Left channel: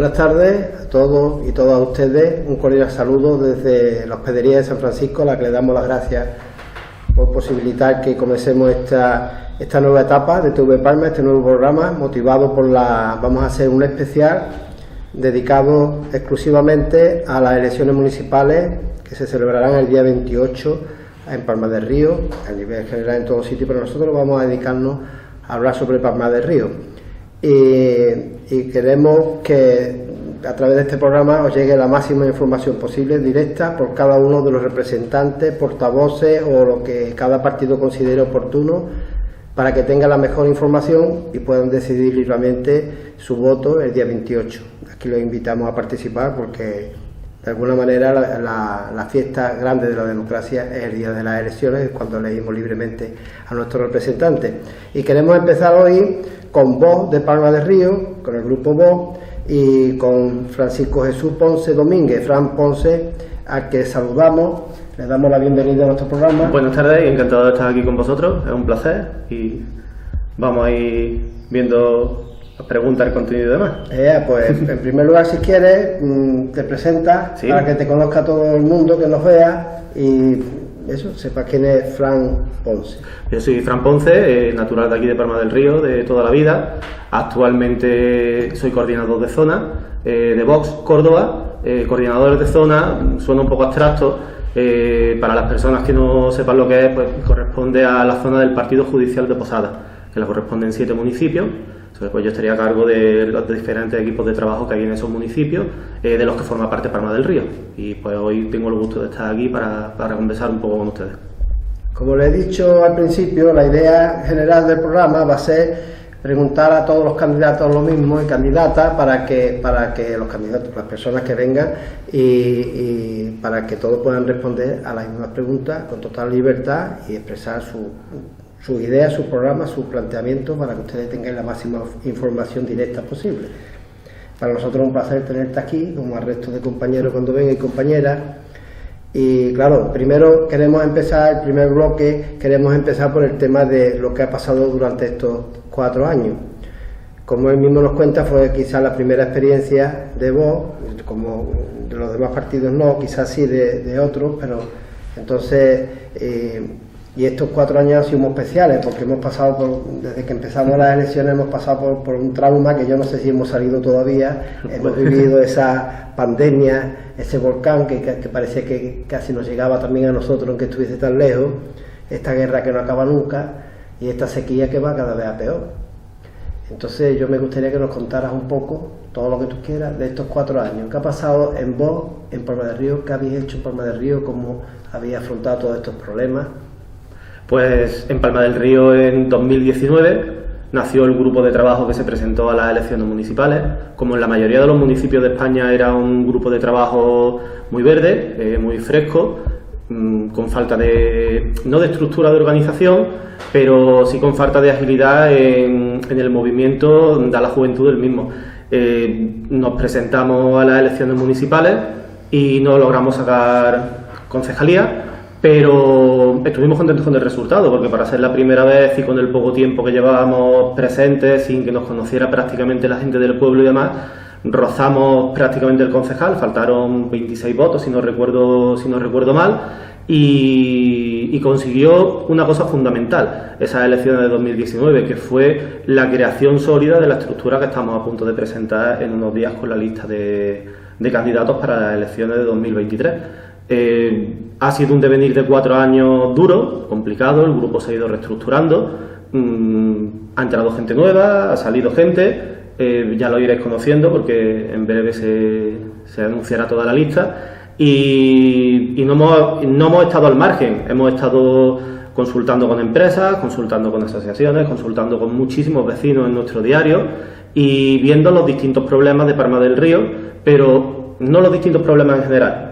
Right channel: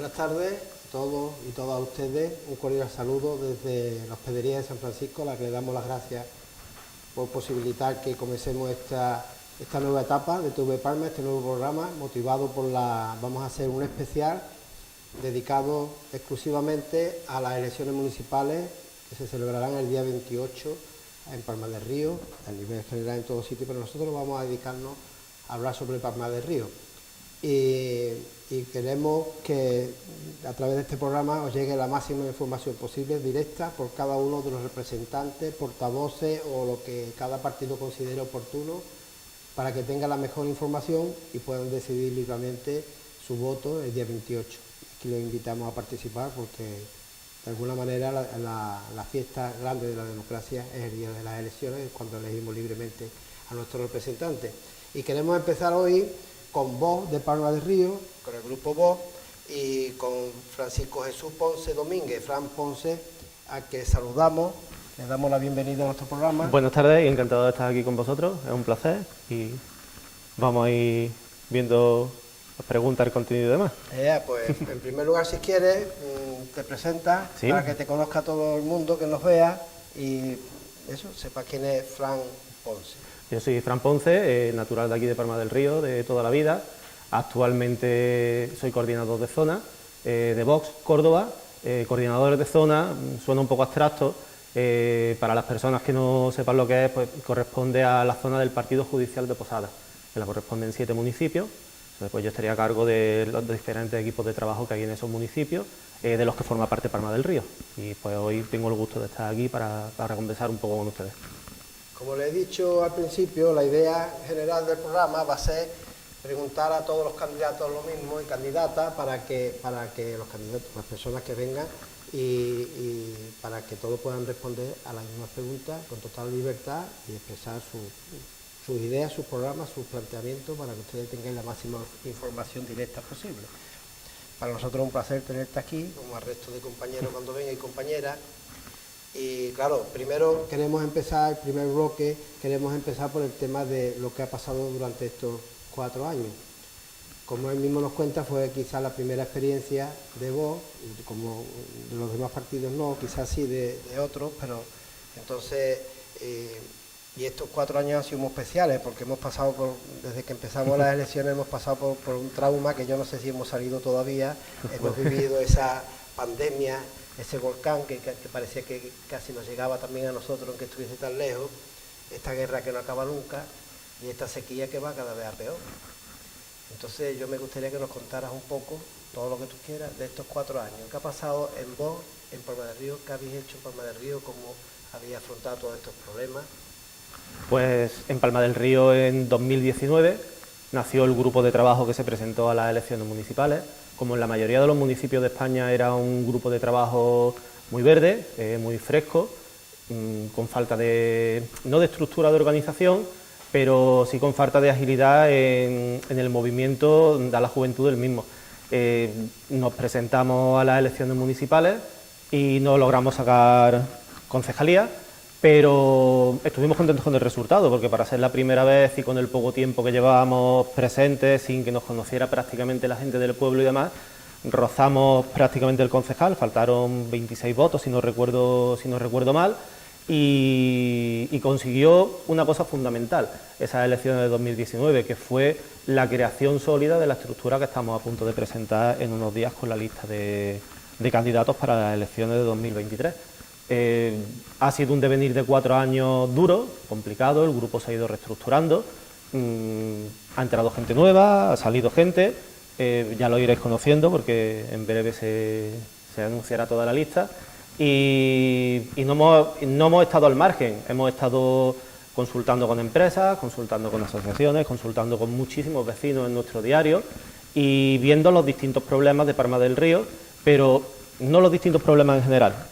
Buenas tardes a todos y todas ustedes. Un cordial saludo desde la Hospedería de San Francisco, a la que le damos las gracias por posibilitar que comencemos esta nueva etapa de TV Palma, este nuevo programa, motivado por vamos a hacer un especial dedicado exclusivamente a las elecciones municipales que se celebrarán el día 28 en Palma del Río, a nivel general en todo sitio, pero nosotros vamos a dedicarnos a hablar sobre Palma del Río. Y queremos que a través de este programa os llegue la máxima información posible, directa, por cada uno de los representantes, portavoces o lo que cada partido considere oportuno, para que tengan la mejor información y puedan decidir libremente su voto el día 28. Aquí los invitamos a participar porque de alguna manera la fiesta grande de la democracia es el día de las elecciones, es cuando elegimos libremente a nuestros representantes. Y queremos empezar hoy con Voz de Palma del Río, con el grupo Voz, y con Francisco Jesús Ponce Domínguez, Fran Ponce, a que saludamos, le damos la bienvenida a nuestro programa. Buenas tardes, encantado de estar aquí con vosotros, es un placer y vamos a ir viendo las preguntas, el contenido y demás. Pues en primer lugar, si quieres, te presentas, ¿sí?, para que te conozca todo el mundo, que nos vea y eso, sepa quién es Fran Ponce. Yo soy Fran Ponce, natural de aquí de Palma del Río, de toda la vida. Actualmente soy coordinador de zona de Vox Córdoba. Coordinador de zona suena un poco abstracto. Para las personas que no sepan lo que es, pues corresponde a la zona del Partido Judicial de Posada, que le corresponden 7 municipios. Entonces, pues yo estaría a cargo de los diferentes equipos de trabajo que hay en esos municipios, de los que forma parte Palma del Río. Y pues hoy tengo el gusto de estar aquí para conversar un poco con ustedes. Como les he dicho al principio, la idea general del programa va a ser preguntar a todos los candidatos lo mismo y candidatas para que los candidatos, las personas que vengan y para que todos puedan responder a las mismas preguntas con total libertad y expresar sus ideas, sus programas, sus planteamientos para que ustedes tengan la máxima información directa posible. Para nosotros es un placer tenerte aquí, como al resto de compañeros cuando vengan y compañeras. Y claro, primero queremos empezar, el primer bloque, queremos empezar por el tema de lo que ha pasado durante estos 4 años. Como él mismo nos cuenta, fue quizás la primera experiencia de Vox, como de los demás partidos no, quizás sí de otros, pero entonces, y estos 4 años han sido muy especiales, porque hemos pasado desde que empezamos las elecciones, hemos pasado por un trauma que yo no sé si hemos salido todavía, hemos vivido esa pandemia, ese volcán que parecía que casi nos llegaba también a nosotros, aunque estuviese tan lejos, esta guerra que no acaba nunca y esta sequía que va cada vez a peor. Entonces yo me gustaría que nos contaras un poco, todo lo que tú quieras, de estos 4 años. ¿Qué ha pasado en Vox, en Palma del Río? ¿Qué habéis hecho en Palma del Río? ¿Cómo habéis afrontado todos estos problemas? Pues en Palma del Río en 2019 nació el grupo de trabajo que se presentó a las elecciones municipales. Como en la mayoría de los municipios de España era un grupo de trabajo muy verde, muy fresco, con falta no de estructura de organización, pero sí con falta de agilidad en el movimiento de la juventud del mismo. Nos presentamos a las elecciones municipales y no logramos sacar concejalía, pero estuvimos contentos con el resultado, porque para ser la primera vez y con el poco tiempo que llevábamos presentes, sin que nos conociera prácticamente la gente del pueblo y demás, rozamos prácticamente el concejal, faltaron 26 votos, si no recuerdo mal, y consiguió una cosa fundamental, esas elecciones de 2019, que fue la creación sólida de la estructura que estamos a punto de presentar en unos días con la lista de candidatos para las elecciones de 2023. Ha sido un devenir de 4 años duro, complicado, el grupo se ha ido reestructurando, ha entrado gente nueva, ha salido gente, ya lo iréis conociendo porque en breve se anunciará toda la lista y no hemos estado al margen, hemos estado consultando con empresas, consultando con asociaciones, consultando con muchísimos vecinos en nuestro diario y viendo los distintos problemas de Palma del Río, pero no los distintos problemas en general,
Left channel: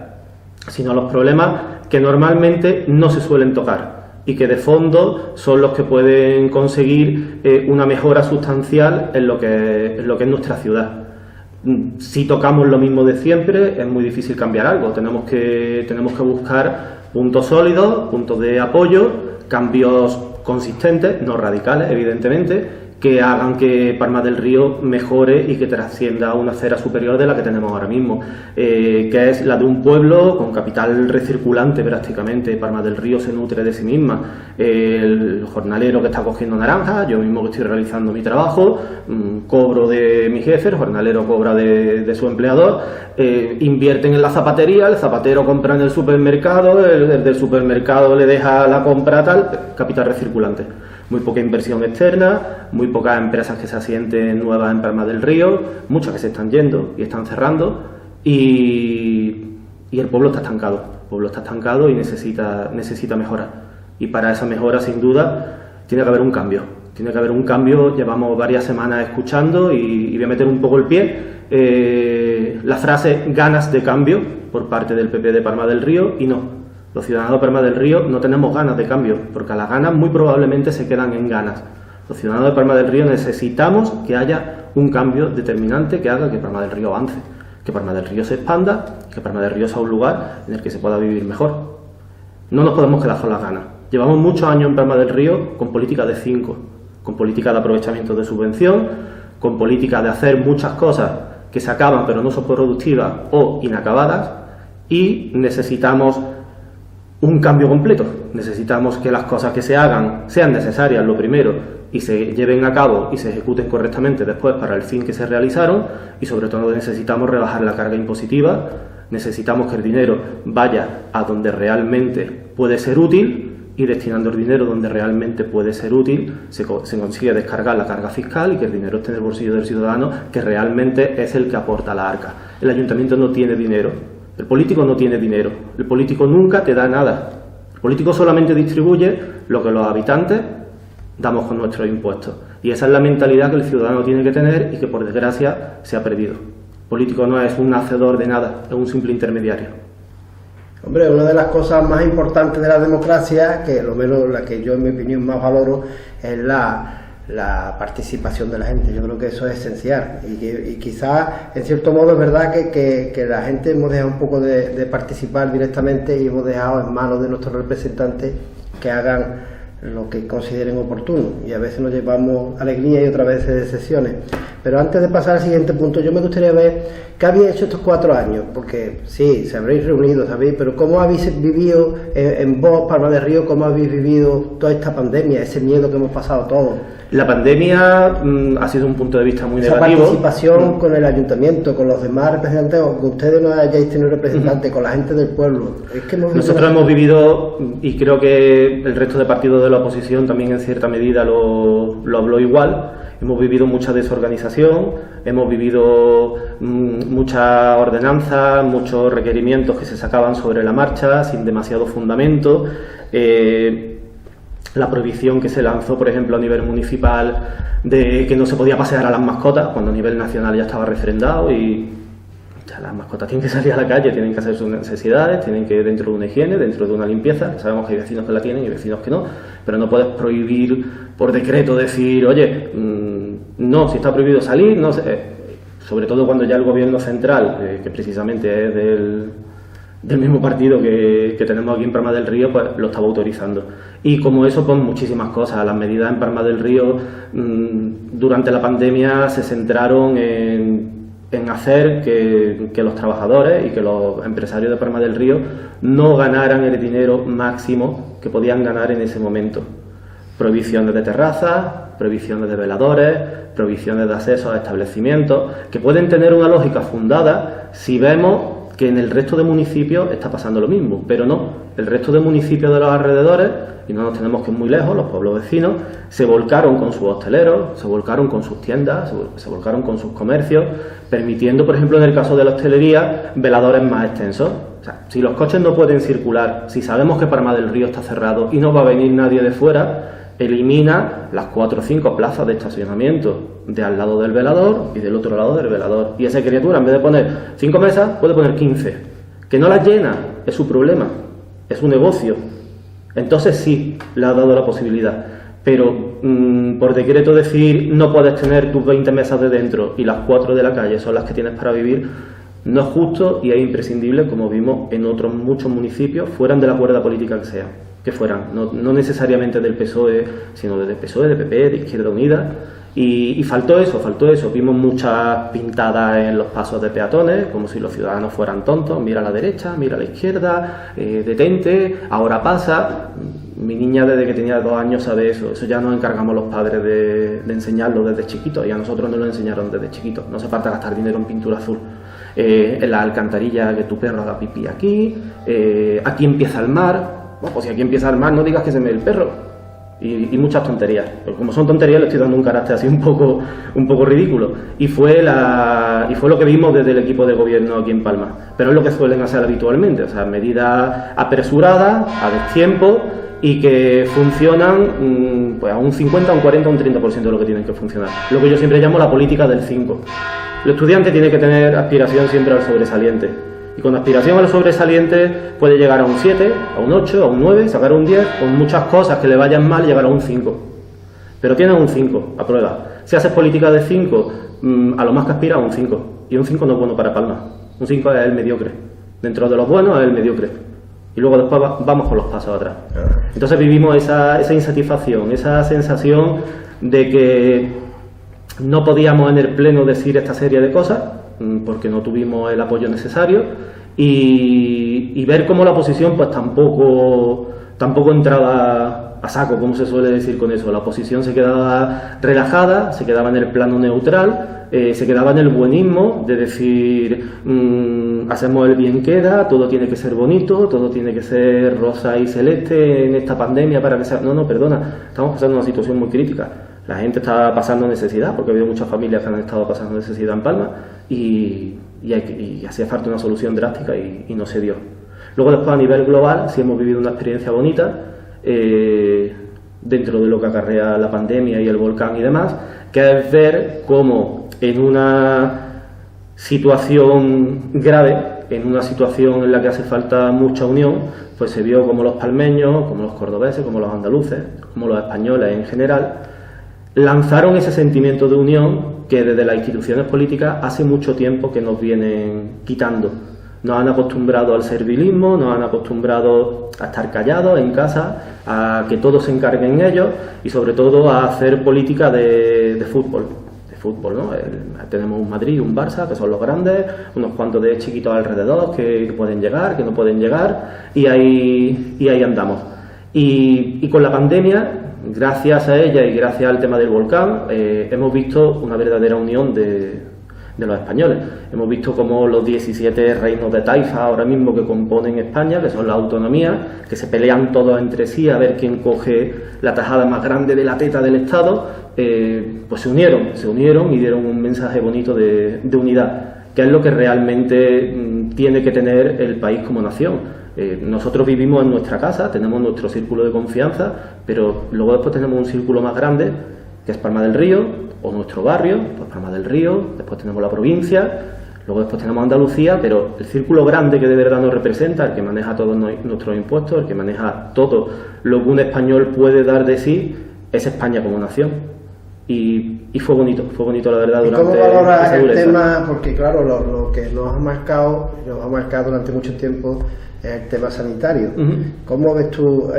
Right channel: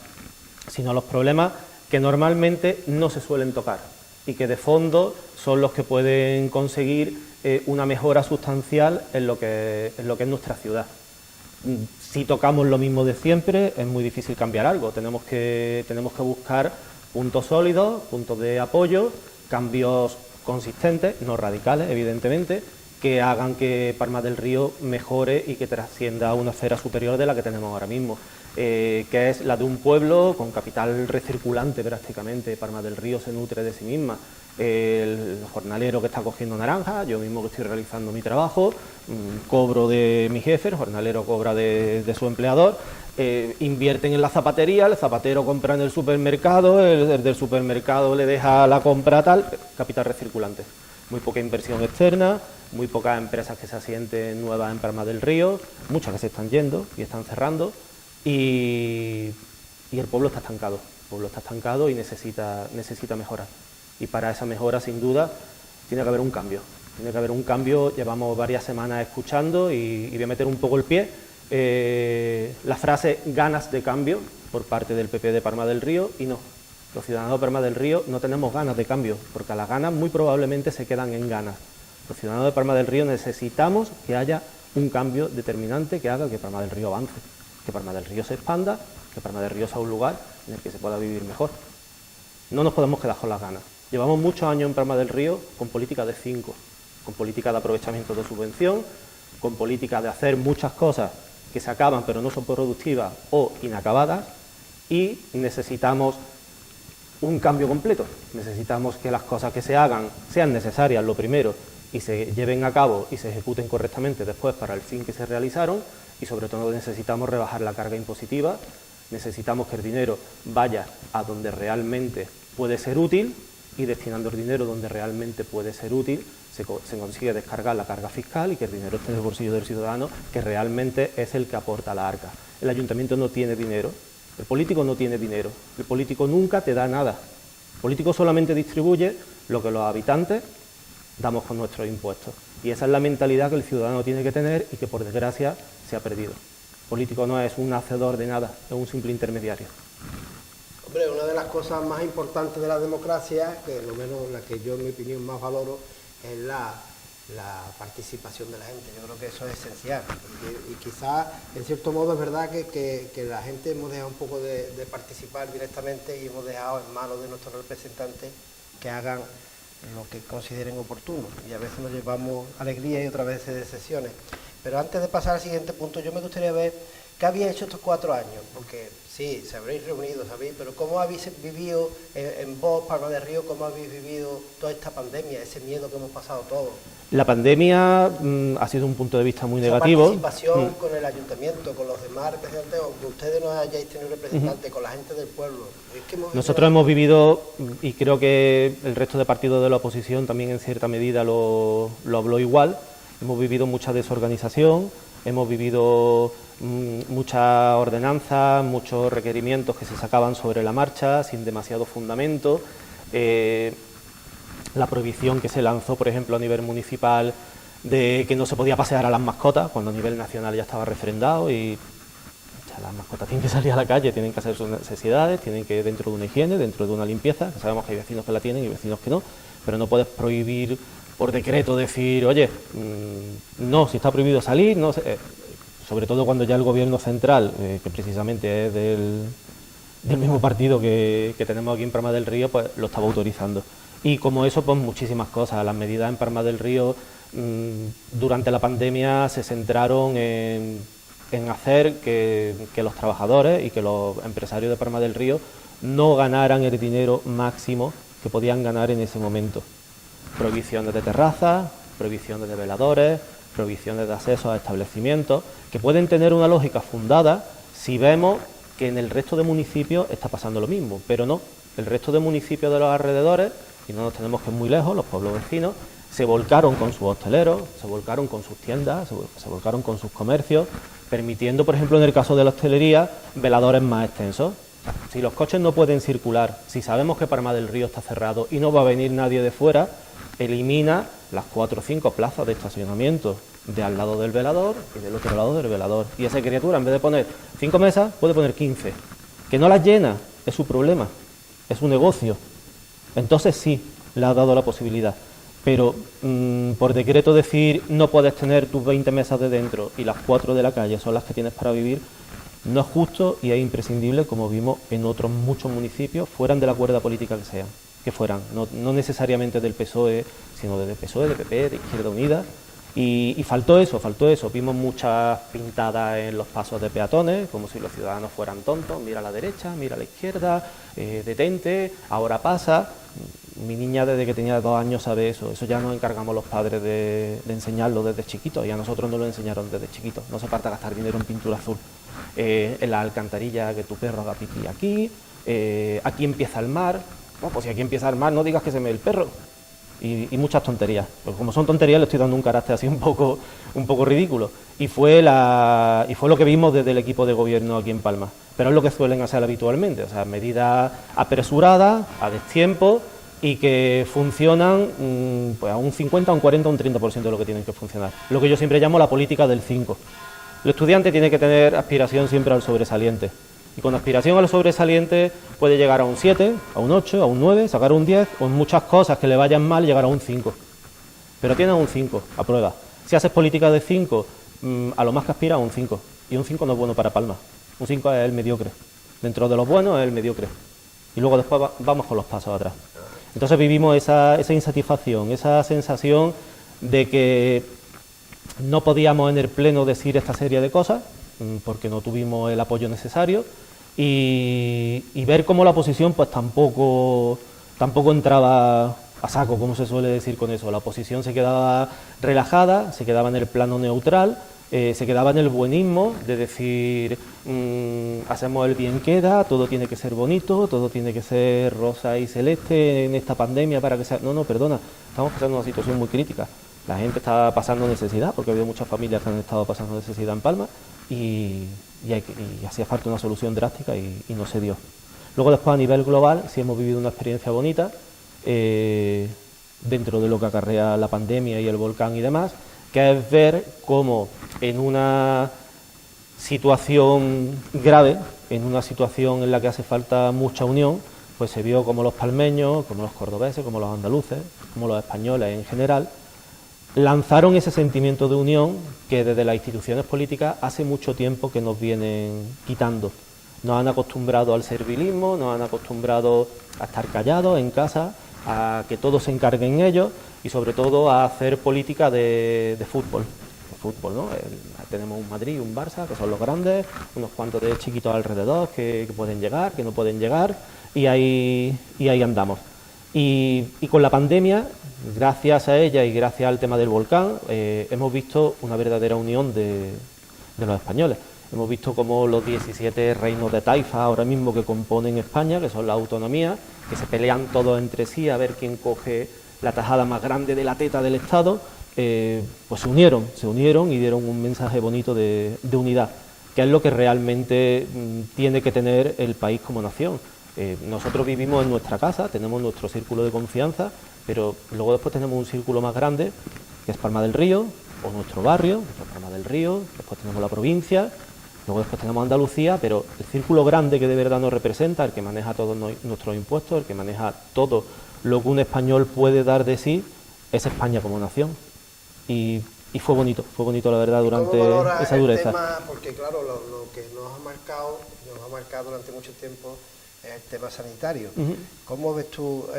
sino los problemas que normalmente no se suelen tocar y que de fondo son los que pueden conseguir una mejora sustancial en lo que es nuestra ciudad. Si tocamos lo mismo de siempre, es muy difícil cambiar algo. Tenemos que buscar puntos sólidos, puntos de apoyo, cambios consistentes, no radicales, evidentemente, que hagan que Palma del Río mejore y que trascienda a una esfera superior de la que tenemos ahora mismo, que es la de un pueblo con capital recirculante prácticamente. Palma del Río se nutre de sí misma. El jornalero que está cogiendo naranjas, yo mismo que estoy realizando mi trabajo, cobro de mi jefe, el jornalero cobra de su empleador, invierten en la zapatería, el zapatero compra en el supermercado, el del supermercado le deja la compra tal, capital recirculante. Muy poca inversión externa, muy pocas empresas que se asienten nuevas en Palma del Río, muchas que se están yendo y están cerrando, y el pueblo está estancado. El pueblo está estancado y necesita mejorar. Y para esa mejora, sin duda, tiene que haber un cambio. Tiene que haber un cambio. Llevamos varias semanas escuchando y voy a meter un poco el pie. La frase ganas de cambio por parte del PP de Palma del Río, y no. Los ciudadanos de Palma del Río no tenemos ganas de cambio, porque a las ganas muy probablemente se quedan en ganas. Los ciudadanos de Palma del Río necesitamos que haya un cambio determinante que haga que Palma del Río avance, que Palma del Río se expanda, que Palma del Río sea un lugar en el que se pueda vivir mejor. No nos podemos quedar con las ganas. Llevamos muchos años en Palma del Río con política de 5, con política de aprovechamiento de subvención, con política de hacer muchas cosas que se acaban pero no son productivas o inacabadas, y necesitamos un cambio completo. Necesitamos que las cosas que se hagan sean necesarias, lo primero, y se lleven a cabo y se ejecuten correctamente después para el fin que se realizaron, y sobre todo necesitamos rebajar la carga impositiva, necesitamos que el dinero vaya a donde realmente puede ser útil, y destinando el dinero donde realmente puede ser útil se consigue descargar la carga fiscal y que el dinero esté en el bolsillo del ciudadano, que realmente es el que aporta a la arca. El ayuntamiento no tiene dinero. El político no tiene dinero, el político nunca te da nada. El político solamente distribuye lo que los habitantes damos con nuestros impuestos. Y esa es la mentalidad que el ciudadano tiene que tener y que por desgracia se ha perdido. El político no es un hacedor de nada, es un simple intermediario. Hombre, una de las cosas más importantes de la democracia, que lo menos la que yo en mi opinión más valoro, es la participación de la gente. Yo creo que eso es esencial y quizás en cierto modo es verdad que la gente hemos dejado un poco de participar directamente y hemos dejado en manos de nuestros representantes que hagan lo que consideren oportuno, y a veces nos llevamos alegría y otras veces decepciones. Pero antes de pasar al siguiente punto, yo me gustaría ver qué habéis hecho estos 4 años, porque sí, se habréis reunido, ¿sabéis? Pero ¿cómo habéis vivido en vos, Palma del Río, cómo habéis vivido toda esta pandemia, ese miedo que hemos pasado todos? La pandemia ha sido un punto de vista muy negativo. Esa participación con el ayuntamiento, con los demás representantes, aunque ustedes no hayáis tenido representantes, con la gente del pueblo. Es que nosotros hemos vivido, y creo que el resto de partidos de la oposición también en cierta medida lo habló igual, hemos vivido mucha desorganización, hemos vivido mucha ordenanza, muchos requerimientos que se sacaban sobre la marcha sin demasiado fundamento. La prohibición que se lanzó, por ejemplo, a nivel municipal de que no se podía pasear a las mascotas, cuando a nivel nacional ya estaba refrendado, y las mascotas tienen que salir a la calle, tienen que hacer sus necesidades, tienen que ir dentro de una higiene, dentro de una limpieza. Sabemos que hay vecinos que la tienen y vecinos que no, pero no puedes prohibir por decreto, decir, oye, no, si está prohibido salir, no sé. Sobre todo cuando ya el gobierno central, que precisamente es del mismo partido que tenemos aquí en Palma del Río, pues lo estaba autorizando. Y como eso, pues muchísimas cosas. Las medidas en Palma del Río durante la pandemia se centraron en hacer que los trabajadores y que los empresarios de Palma del Río no ganaran el dinero máximo que podían ganar en ese momento. Prohibiciones de terrazas, prohibiciones de veladores, prohibiciones de acceso a establecimientos, que pueden tener una lógica fundada si vemos que en el resto de municipios está pasando lo mismo, pero no. El resto de municipios de los alrededores, y no nos tenemos que ir muy lejos, los pueblos vecinos, se volcaron con sus hosteleros, se volcaron con sus tiendas, se volcaron con sus comercios, permitiendo, por ejemplo, en el caso de la hostelería, veladores más extensos. O sea, si los coches no pueden circular, si sabemos que Palma del Río está cerrado y no va a venir nadie de fuera, elimina las 4 o 5 plazas de estacionamiento de al lado del velador y del otro lado del velador. Y esa criatura, en vez de poner 5 mesas, puede poner 15. Que no las llena, es su problema, es su negocio. Entonces sí, le ha dado la posibilidad. Pero por decreto decir no puedes tener tus 20 mesas de dentro y las 4 de la calle son las que tienes para vivir, no es justo y es imprescindible, como vimos en otros muchos municipios, fueran de la cuerda política que fueran, no necesariamente del PSOE, sino del PSOE, del PP, de Izquierda Unida, Y faltó eso. Vimos muchas pintadas en los pasos de peatones, como si los ciudadanos fueran tontos. Mira a la derecha, mira a la izquierda, detente, ahora pasa. Mi niña desde que tenía 2 años sabe eso. Eso ya nos encargamos los padres de enseñarlo desde chiquitos, y a nosotros nos lo enseñaron desde chiquitos. No hace falta gastar dinero en pintura azul. En la alcantarilla, que tu perro haga pipí aquí, aquí empieza el mar. Pues si aquí empieza el mar, no digas que se me ve el perro. Y muchas tonterías. Pues como son tonterías, le estoy dando un carácter así un poco ridículo. Y fue lo que vimos desde el equipo de gobierno aquí en Palma. Pero es lo que suelen hacer habitualmente, o sea, medidas apresuradas, a destiempo, y que funcionan pues a un 50, un 40, un 30% de lo que tienen que funcionar. Lo que yo siempre llamo la política del 5. El estudiante tiene que tener aspiración siempre al sobresaliente. Y con aspiración a lo sobresaliente puede llegar a un 7, a un 8, a un 9, sacar un 10, con muchas cosas que le vayan mal, llegar a un 5. Pero tiene un 5, a prueba. Si haces política de 5, a lo más que aspira a un 5. Y un 5 no es bueno para Palma. Un 5 es el mediocre. Dentro de los buenos es el mediocre. Y luego después vamos con los pasos atrás. Entonces vivimos esa insatisfacción, esa sensación de que no podíamos en el pleno decir esta serie de cosas, porque no tuvimos el apoyo necesario, y ver cómo la oposición pues tampoco entraba a saco, como se suele decir con eso. La oposición se quedaba relajada, se quedaba en el plano neutral, se quedaba en el buenismo de decir hacemos el bien queda, todo tiene que ser bonito, todo tiene que ser rosa y celeste en esta pandemia para que sea... No, perdona, estamos pasando una situación muy crítica. La gente está pasando necesidad, porque ha habido muchas familias que han estado pasando necesidad en Palma, y hacía falta una solución drástica y no se dio. Luego después a nivel global sí hemos vivido una experiencia bonita dentro de lo que acarrea la pandemia y el volcán y demás, que es ver cómo en una situación grave, en una situación en la que hace falta mucha unión, pues se vio como los palmeños, como los cordobeses, como los andaluces, como los españoles en general, lanzaron ese sentimiento de unión que desde las instituciones políticas hace mucho tiempo que nos vienen quitando. Nos han acostumbrado al servilismo, nos han acostumbrado a estar callados en casa, a que todos se encarguen ellos, y sobre todo a hacer política de fútbol. ¿No? Tenemos un Madrid, un Barça, que son los grandes, unos cuantos de chiquitos alrededor que pueden llegar, que no pueden llegar, y ahí andamos. Y con la pandemia, gracias a ella y gracias al tema del volcán, hemos visto una verdadera unión de los españoles. Hemos visto cómo los 17 reinos de taifa ahora mismo que componen España, que son la autonomía, que se pelean todos entre sí a ver quién coge la tajada más grande de la teta del Estado, pues se unieron y dieron un mensaje bonito de unidad, que es lo que realmente tiene que tener el país como nación. Nosotros vivimos en nuestra casa, tenemos nuestro círculo de confianza, pero luego después tenemos un círculo más grande, que es Palma del Río, o nuestro barrio, pues Palma del Río, después tenemos la provincia, luego después tenemos Andalucía, pero el círculo grande que de verdad nos representa, el que maneja todos nuestros impuestos, el que maneja todo lo que un español puede dar de sí, es España como nación. Y fue bonito la verdad durante esa dureza. ¿Cómo valoras el dureza? tema? Porque claro, lo que nos ha marcado durante mucho tiempo es el tema sanitario. ¿Cómo ves tú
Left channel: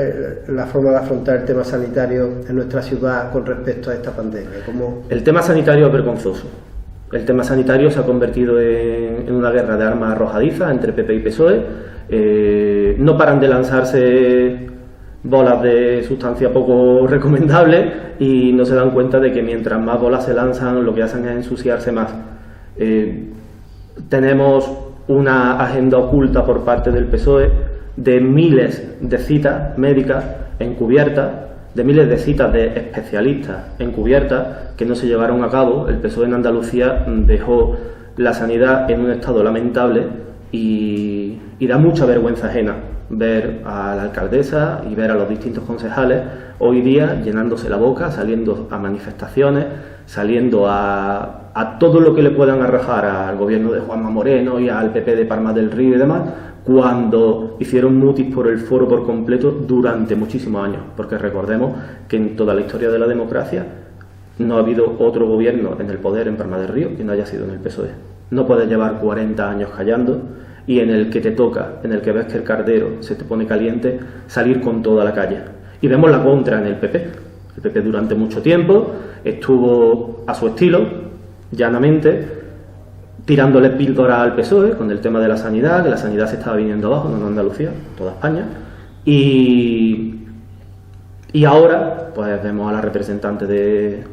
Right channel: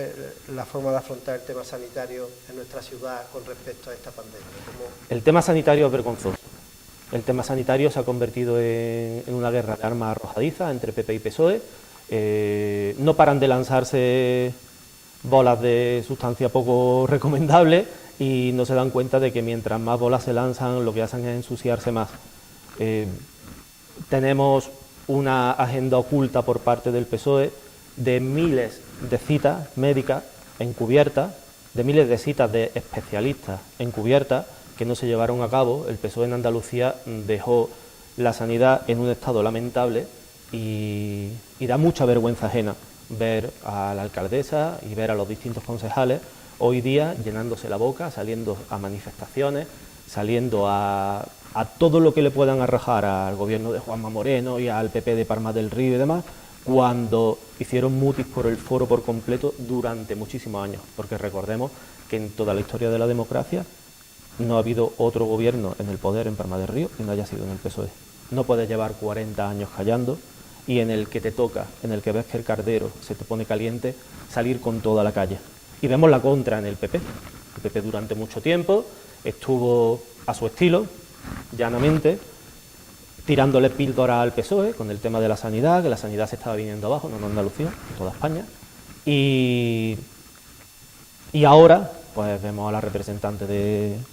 la forma de afrontar el tema sanitario en nuestra ciudad con respecto a esta pandemia? El tema sanitario es vergonzoso. El tema sanitario se ha convertido en una guerra de armas arrojadizas entre PP y PSOE. No paran de lanzarse bolas de sustancia poco recomendable y no se dan cuenta de que mientras más bolas se lanzan, lo que hacen es ensuciarse más. Tenemos una agenda oculta por parte del PSOE de miles de citas médicas encubiertas, de miles de citas de especialistas encubiertas que no se llevaron a cabo. El PSOE en Andalucía dejó la sanidad en un estado lamentable y da mucha vergüenza ajena ver a la alcaldesa y ver a los distintos concejales hoy día llenándose la boca, saliendo a manifestaciones, saliendo a todo lo que le puedan arrojar al gobierno de Juanma Moreno y al PP de Palma del Río y demás, cuando hicieron mutis por el foro por completo durante muchísimos años, porque recordemos que en toda la historia de la democracia no ha habido otro gobierno en el poder en Palma del Río que no haya sido en el PSOE. No puedes llevar 40 años callando y en el que te toca, en el que ves que el cardero se te pone caliente, salir con toda la calle. Y vemos la contra en el PP. El PP durante mucho tiempo estuvo a su estilo, llanamente, tirándole píldora al PSOE con el tema de la sanidad, que la sanidad se estaba viniendo abajo, no en Andalucía, en toda España. Y ahora, pues vemos a la representante del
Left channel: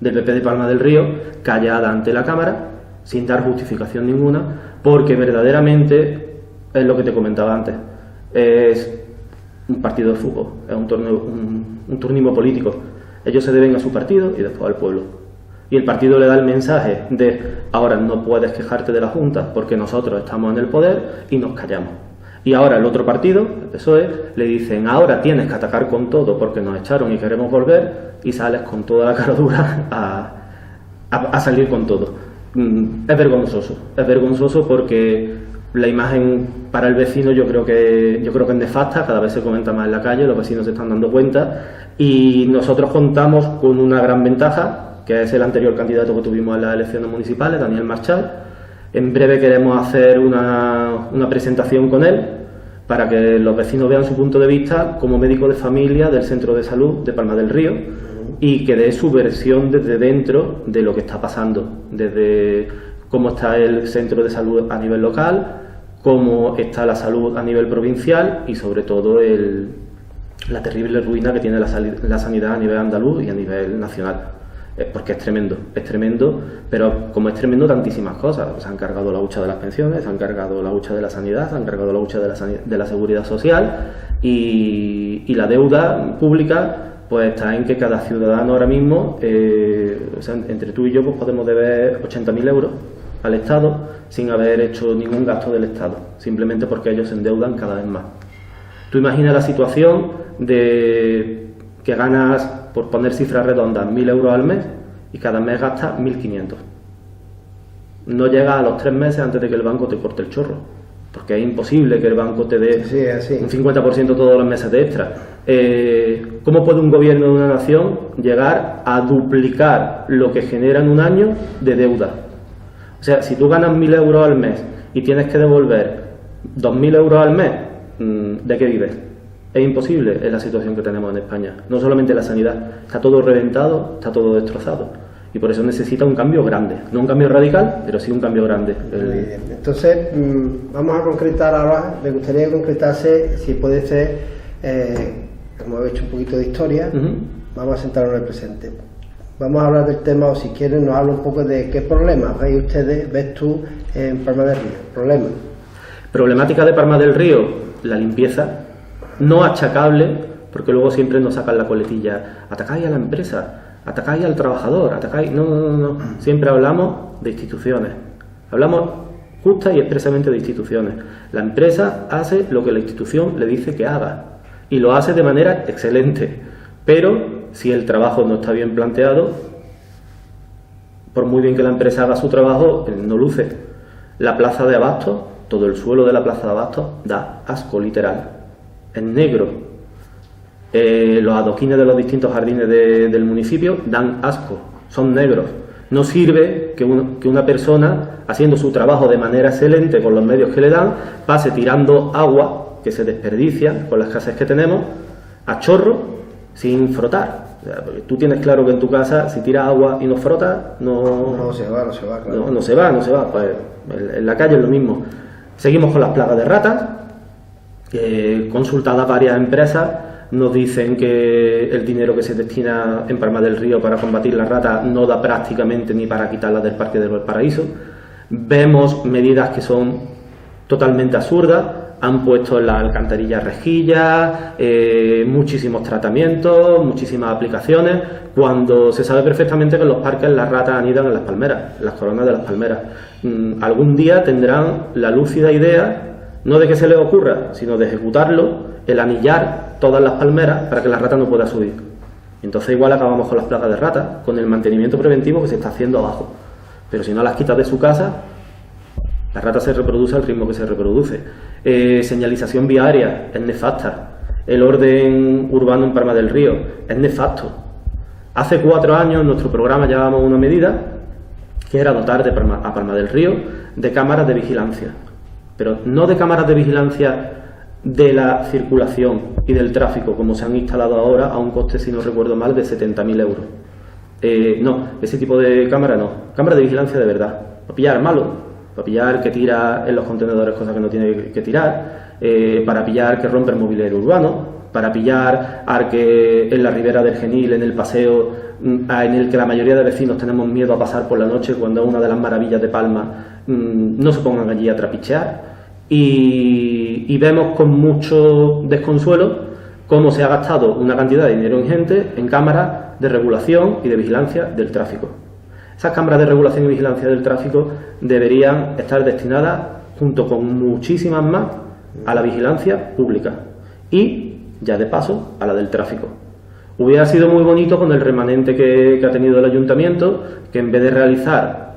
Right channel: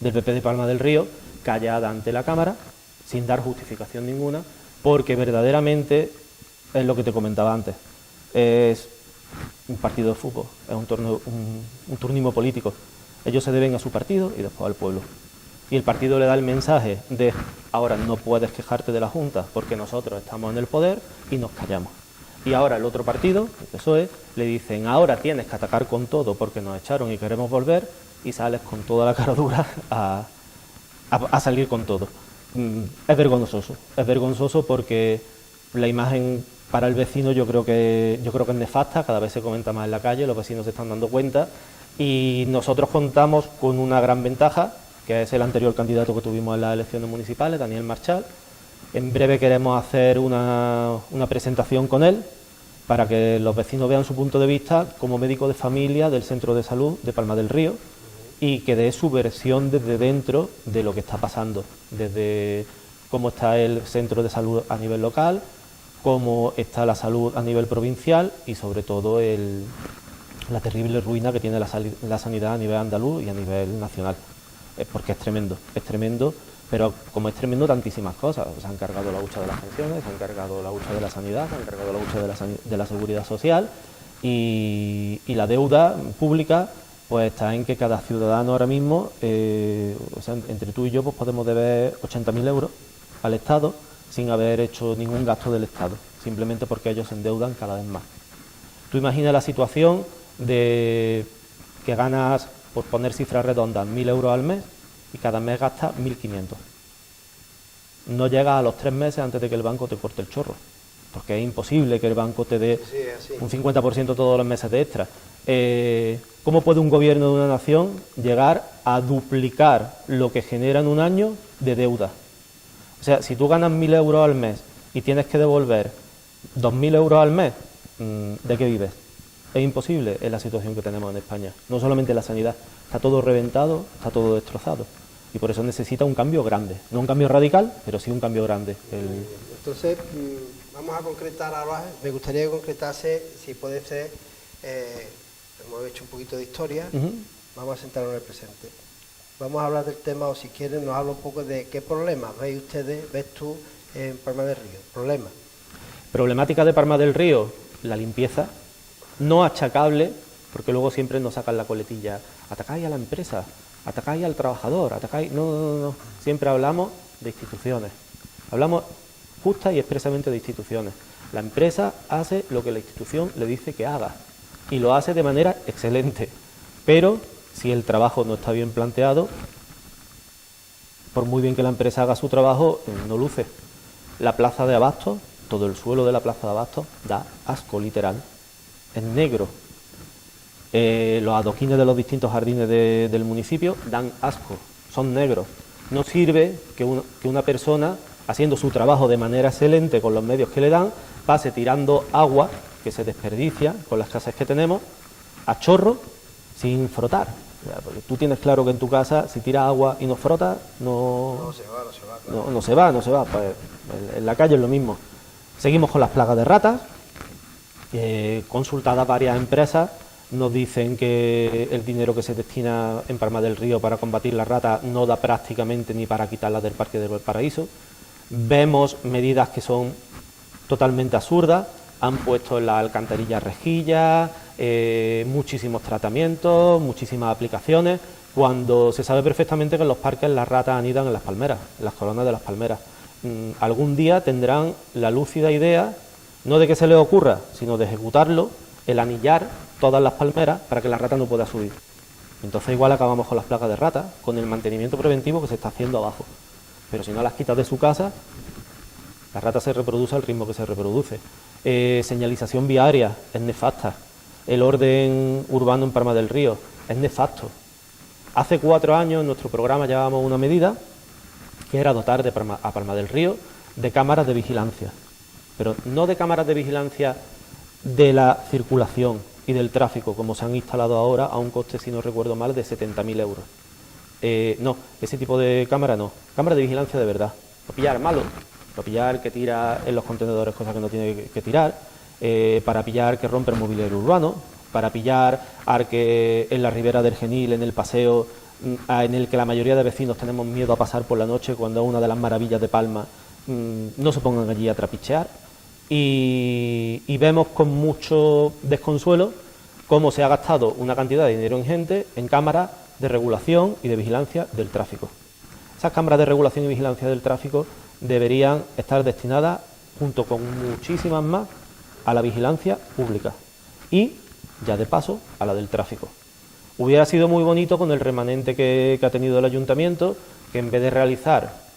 PP de Palma del Río callada ante la Cámara, sin dar justificación ninguna, porque verdaderamente es lo que te comentaba antes, es un partido de fútbol, es un turnismo político. Ellos se deben a su partido y después al pueblo. Y el partido le da el mensaje de ahora no puedes quejarte de la Junta porque nosotros estamos en el poder y nos callamos. Y ahora el otro partido, el PSOE, le dicen ahora tienes que atacar con todo porque nos echaron y queremos volver, y sales con toda la cara dura a salir con todo. Es vergonzoso porque la imagen para el vecino yo creo que es nefasta, cada vez se comenta más en la calle, los vecinos se están dando cuenta, y nosotros contamos con una gran ventaja, que es el anterior candidato que tuvimos en las elecciones municipales, Daniel Marchal. En breve queremos hacer una presentación con él para que los vecinos vean su punto de vista como médico de familia del Centro de Salud de Palma del Río y que dé su versión desde dentro de lo que está pasando, desde cómo está el Centro de Salud a nivel local, cómo está la salud a nivel provincial y sobre todo la terrible ruina que tiene la sanidad a nivel andaluz y a nivel nacional. Porque es tremendo, pero como es tremendo tantísimas cosas. Se han cargado la hucha de las pensiones, se han cargado la hucha de la sanidad, se han cargado la hucha de la seguridad social y la deuda pública pues está en que cada ciudadano ahora mismo, entre tú y yo pues podemos deber 80.000 euros al Estado sin haber hecho ningún gasto del Estado, simplemente porque ellos se endeudan cada vez más. Tú imaginas la situación de que ganas, por poner cifras redondas, 1.000 euros al mes y cada mes gastas 1.500. No llegas a los 3 meses antes de que el banco te corte el chorro, porque es imposible que el banco te dé un 50% todos los meses de extra. ¿Cómo puede un gobierno de una nación llegar a duplicar lo que genera en un año de deuda? O sea, si tú ganas 1.000 euros al mes y tienes que devolver 2.000 euros al mes, ¿de qué vives? Es imposible en la situación que tenemos en España. No solamente la sanidad, está todo reventado, está todo destrozado. Y por eso necesita un cambio grande. No un cambio radical, pero sí un cambio grande. Muy bien. Entonces, vamos a concretar ahora. Me gustaría que concretase, si puede ser, hemos hecho un poquito de historia, vamos a sentarnos en el presente. Vamos a hablar del tema, o si quieren nos habla un poco de qué problemas ves tú en Palma del Río. ¿Problemas? Problemática de Palma del Río, la limpieza. No achacable, porque luego siempre nos sacan la coletilla, atacáis a la empresa, atacáis al trabajador, atacáis... No. Siempre hablamos de instituciones. Hablamos justa y expresamente de instituciones. La empresa hace lo que la institución le dice que haga y lo hace de manera excelente. Pero si el trabajo no está bien planteado, por muy bien que la empresa haga su trabajo, no luce. La plaza de Abastos, todo el suelo de la plaza de Abastos da asco literal. Es negro. Los adoquines de los distintos jardines del municipio dan asco, son negros. No sirve que una persona, haciendo su trabajo de manera excelente con los medios que le dan, pase tirando agua, que se desperdicia con las casas que tenemos, a chorro, sin frotar. Tú tienes claro que en tu casa, si tiras agua y no frotas, no se va, claro. No se va. Pues en la calle es lo mismo. Seguimos con las plagas de ratas. Consultadas varias empresas nos dicen que el dinero que se destina en Palma del Río para combatir las ratas no da prácticamente ni para quitarlas del Parque del Paraíso. Vemos medidas que son totalmente absurdas. Han puesto en las alcantarillas rejillas, muchísimos tratamientos, muchísimas aplicaciones, cuando se sabe perfectamente que en los parques las ratas anidan en las palmeras, en las coronas de las palmeras. Algún día tendrán la lúcida idea, no de que se les ocurra, sino de ejecutarlo, el anillar todas las palmeras para que la rata no pueda subir. Entonces igual acabamos con las plagas de ratas, con el mantenimiento preventivo que se está haciendo abajo. Pero si no las quitas de su casa, la rata se reproduce al ritmo que se reproduce. Señalización viaria es nefasta. El orden urbano en Palma del Río es nefasto. Hace 4 años en nuestro programa llevábamos una medida que era dotar a Palma del Río de cámaras de vigilancia. Pero no de cámaras de vigilancia de la circulación y del tráfico, como se han instalado ahora a un coste, si no recuerdo mal, de 70.000 euros. No, ese tipo de cámara no. Cámara de vigilancia de verdad. Para pillar malo, para pillar que tira en los contenedores cosas que no tiene que tirar, para pillar que rompe el mobiliario urbano, para pillar al que en la ribera del Genil, en el paseo, en el que la mayoría de vecinos tenemos miedo a pasar por la noche cuando es una de las maravillas de Palma, no se pongan allí a trapichear. Y vemos con mucho desconsuelo cómo se ha gastado una cantidad de dinero ingente en cámaras de regulación y de vigilancia del tráfico. Esas cámaras de regulación y vigilancia del tráfico deberían estar destinadas, junto con muchísimas más, a la vigilancia pública y, ya de paso, a la del tráfico. Hubiera sido muy bonito con el remanente que ha tenido el ayuntamiento, que en vez de realizar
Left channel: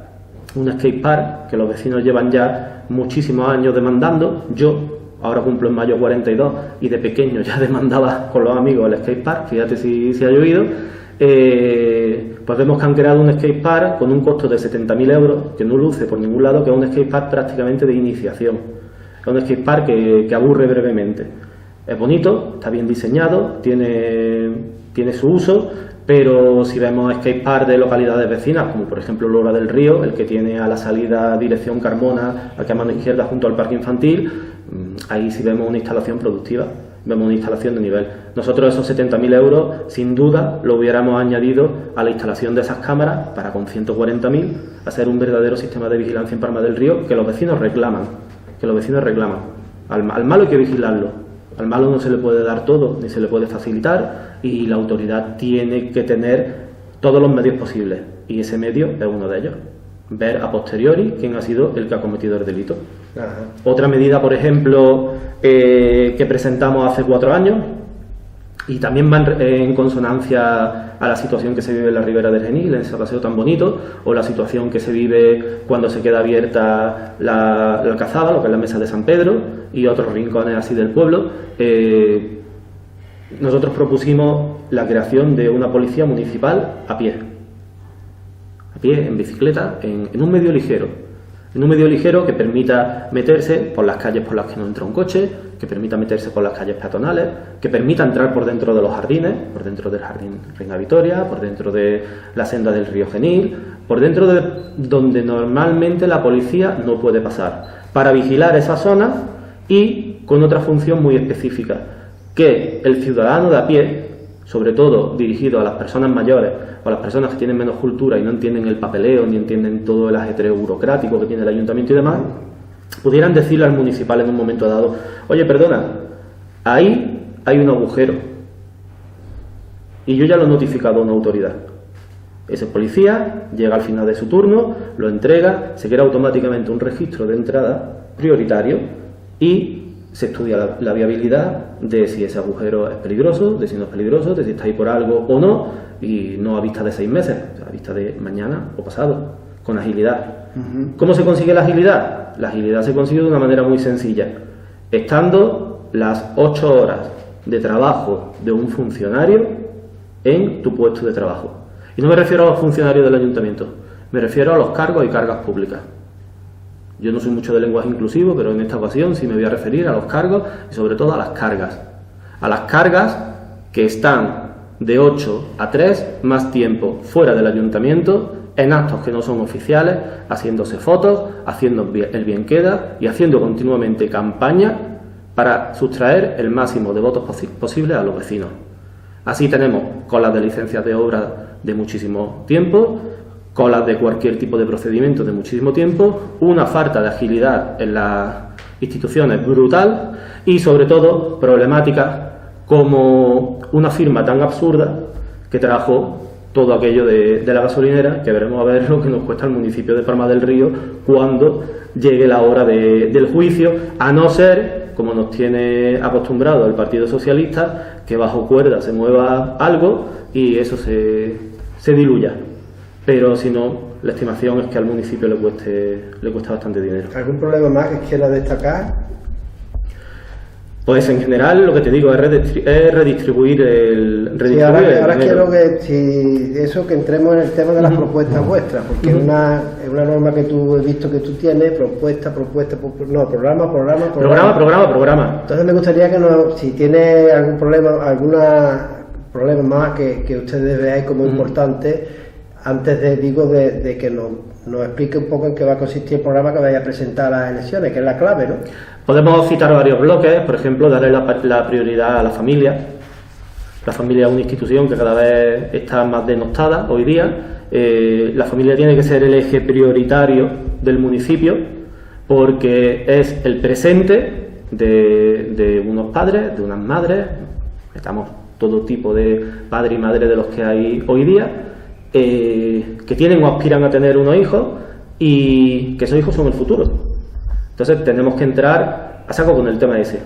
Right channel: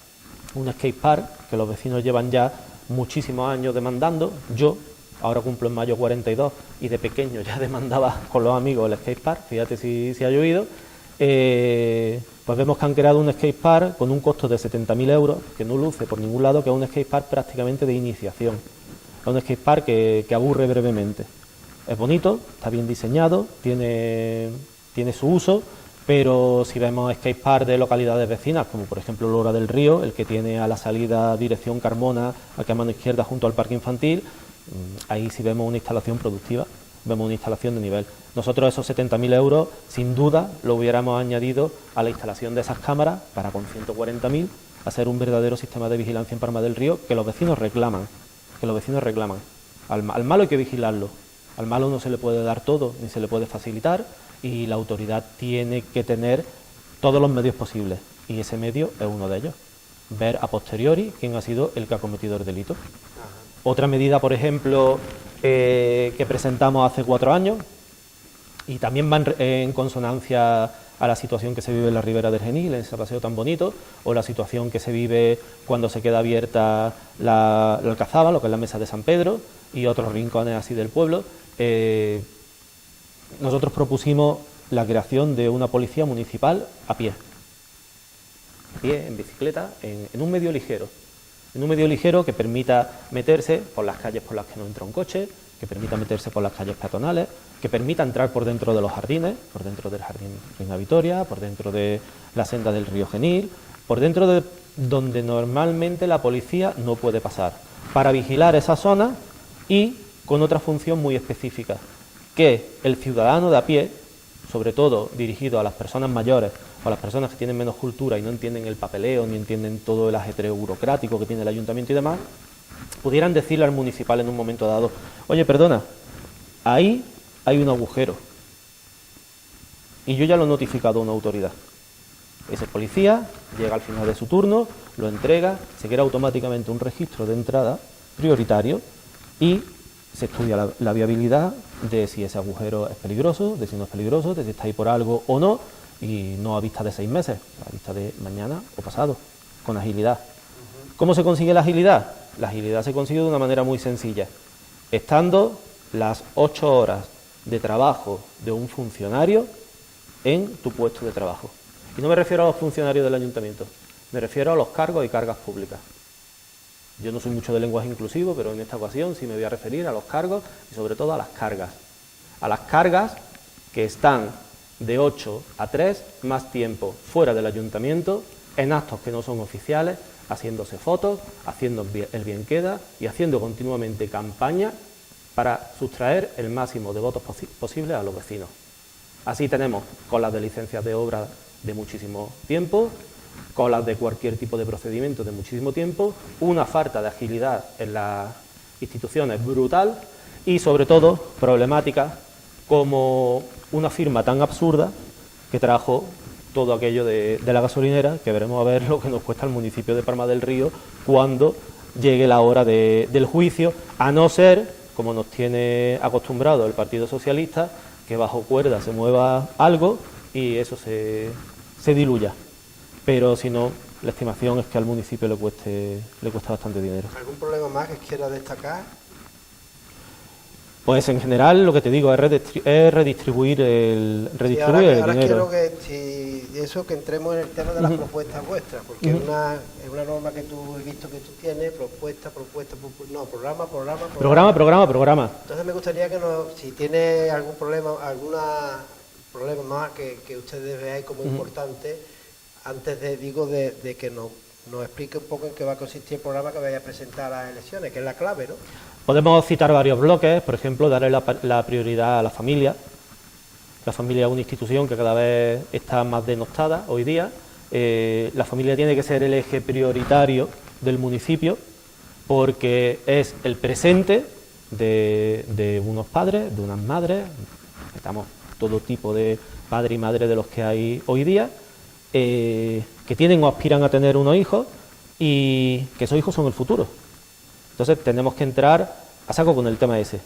un skatepark, que los vecinos llevan ya muchísimos años demandando, yo ahora cumplo en mayo 42 y de pequeño ya demandaba con los amigos el skatepark, fíjate si ha llovido, pues vemos que han creado un skatepark con un costo de 70.000 euros, que no luce por ningún lado, que es un skatepark prácticamente de iniciación. Es un skatepark que aburre brevemente. Es bonito, está bien diseñado, tiene su uso, pero si vemos skatepark de localidades vecinas, como por ejemplo Lora del Río, el que tiene a la salida dirección Carmona, aquí a mano izquierda junto al parque infantil, ahí sí vemos una instalación productiva, vemos una instalación de nivel. Nosotros esos 70.000 euros, sin duda, lo hubiéramos añadido a la instalación de esas cámaras para con 140.000 hacer un verdadero sistema de vigilancia en Palma del Río que los vecinos reclaman. Al malo hay que vigilarlo. Al malo no se le puede dar todo, ni se le puede facilitar, y la autoridad tiene que tener todos los medios posibles. Y ese medio es uno de ellos. Ver a posteriori quién ha sido el que ha cometido el delito. Ajá. Otra medida, por ejemplo, que presentamos hace 4 años, y también va en consonancia a la situación que se vive en la ribera del Genil, en ese paseo tan bonito, o la situación que se vive cuando se queda abierta la Alcazaba, lo que es la Mesa de San Pedro, y otros rincones así del pueblo. Nosotros propusimos la creación de una policía municipal a pie, en bicicleta, en un medio ligero que permita meterse por las calles por las que no entra un coche, que permita meterse por las calles peatonales, que permita entrar por dentro de los jardines, por dentro del Jardín Reina Victoria, por dentro de la senda del río Genil, por dentro de donde normalmente la policía no puede pasar, para vigilar esa zona y con otra función muy específica, que el ciudadano de a pie, sobre todo dirigido a las personas mayores o a las personas que tienen menos cultura y no entienden el papeleo ni entienden todo el ajetreo burocrático que tiene el ayuntamiento y demás, pudieran decirle al municipal en un momento dado: oye, perdona, ahí hay un agujero y yo ya lo he notificado a una autoridad. Ese policía llega al final de su turno, lo entrega, se crea automáticamente un registro de entrada prioritario y se estudia la viabilidad de si ese agujero es peligroso, de si no es peligroso, de si está ahí por algo o no, y no a vista de 6 meses, a vista de mañana o pasado, con agilidad. ¿Cómo se consigue la agilidad? La agilidad se consigue de una manera muy sencilla, estando las 8 horas de trabajo de un funcionario en tu puesto de trabajo. Y no me refiero a los funcionarios del ayuntamiento, me refiero a los cargos y cargas públicas. Yo no soy mucho de lenguaje inclusivo, pero en esta ocasión sí me voy a referir a los cargos y sobre todo a las cargas. A las cargas que están de 8 a 3 más tiempo fuera del ayuntamiento, en actos que no son oficiales, haciéndose fotos, haciendo el bien queda y haciendo continuamente campaña para sustraer el máximo de votos posibles a los vecinos. Así tenemos colas de licencias de obra de muchísimo tiempo, colas de cualquier tipo de procedimiento de muchísimo tiempo, una falta de agilidad en las instituciones brutal y sobre todo problemáticas como una firma tan absurda que trajo todo aquello de la gasolinera, que veremos a ver lo que nos cuesta al municipio de Palma del Río cuando llegue la hora del juicio, a no ser, como nos tiene acostumbrado el Partido Socialista, que bajo cuerda se mueva algo y eso se diluya. Pero si no, la estimación es que al municipio le cuesta bastante dinero. ¿Algún problema más que quiera destacar? Pues en general lo que te digo es redistribuir el dinero. Ahora quiero que entremos en el tema de las propuestas vuestras, porque es una norma que tú he visto que tú tienes, programa. Entonces me gustaría que si tiene algún problema más que ustedes veáis como importante, antes de que nos explique un poco en qué va a consistir el programa que vaya a presentar a las elecciones, que es la clave, ¿no? Podemos citar varios bloques, por ejemplo, darle la prioridad a la familia. La familia es una institución que cada vez está más denostada hoy día. La familia tiene que ser el eje prioritario del municipio porque es el presente de unos padres, de unas madres, estamos todo tipo de padre y madre de los que hay hoy día, que tienen o aspiran a tener unos hijos y que esos hijos son el futuro. Entonces tenemos que entrar a saco con el tema ese.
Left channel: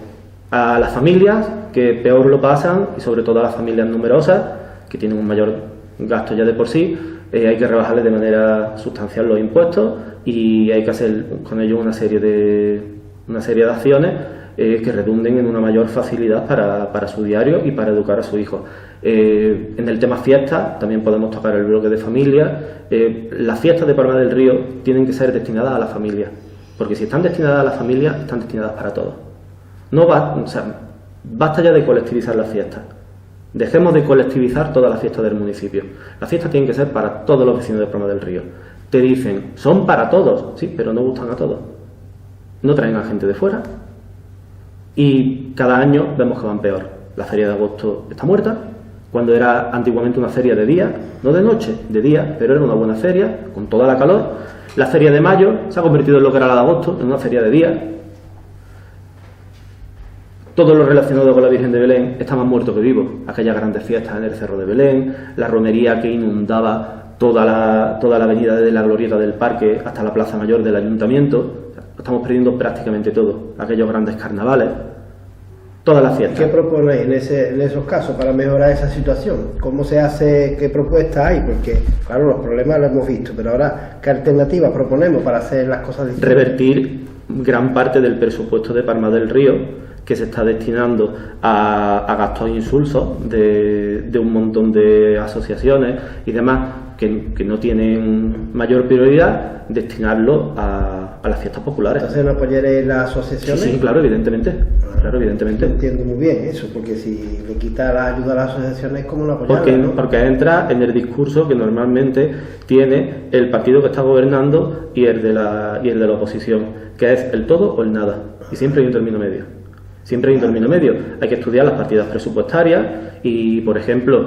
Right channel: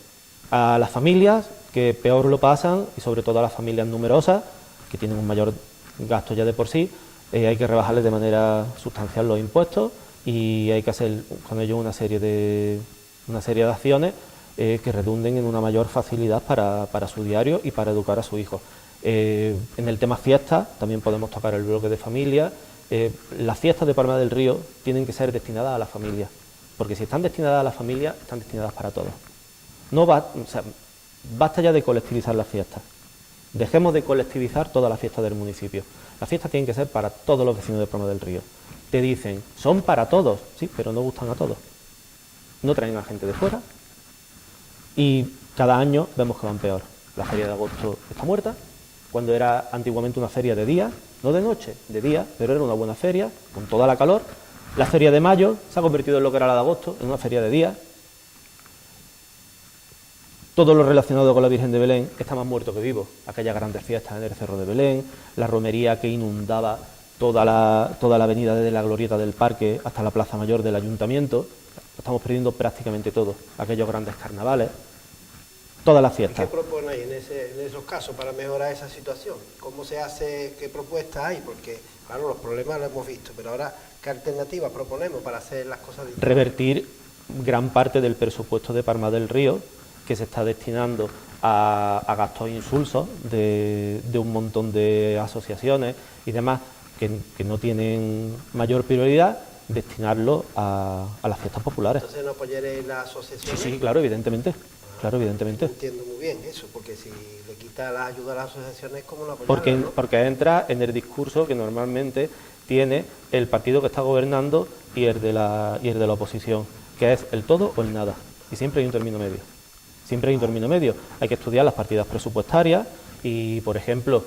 A las familias que peor lo pasan y sobre todo a las familias numerosas que tienen un mayor gasto ya de por sí, hay que rebajarles de manera sustancial los impuestos y hay que hacer con ellos una serie de acciones que redunden en una mayor facilidad para su diario y para educar a su hijo. En el tema fiestas también podemos tocar el bloque de familia. Las fiestas de Palma del Río tienen que ser destinadas a la familia, porque si están destinadas a la familia, están destinadas para todos. Basta ya de colectivizar las fiestas. Dejemos de colectivizar todas las fiestas del municipio. Las fiestas tienen que ser para todos los vecinos de Palma del Río. Te dicen, son para todos, sí, pero no gustan a todos. No traen a gente de fuera y cada año vemos que van peor. La feria de agosto está muerta, cuando era antiguamente una feria de día, no de noche, de día, pero era una buena feria, con toda la calor. La feria de mayo se ha convertido en lo que era la de agosto, en una feria de día. Todo lo relacionado con la Virgen de Belén está más muerto que vivo. Aquellas grandes fiestas en el Cerro de Belén, la romería que inundaba toda la avenida desde la glorieta del parque hasta la plaza mayor del ayuntamiento. Estamos perdiendo prácticamente todo. Aquellos grandes carnavales, todas las fiestas. ¿Qué proponéis en esos casos para mejorar esa situación? ¿Cómo se hace? ¿Qué propuestas hay? Porque, claro, los problemas los hemos visto, pero ahora, ¿qué alternativas proponemos para hacer las cosas diferentes? Revertir gran parte del presupuesto de Palma del Río, que se está destinando a gastos insulsos de un montón de asociaciones y demás que no tienen mayor prioridad, destinarlo a las fiestas populares. Entonces, ¿no apoyaréis las asociaciones? Sí, claro, evidentemente. Claro, evidentemente. No entiendo muy bien eso, porque si le quita la ayuda a las asociaciones, ¿cómo no apoyarlas? ¿No? Porque entra en el discurso que normalmente tiene el partido que está gobernando y el de la oposición, que es el todo o el nada. Y siempre hay un término medio. Siempre hay un término medio. Hay que estudiar las partidas presupuestarias y, por ejemplo,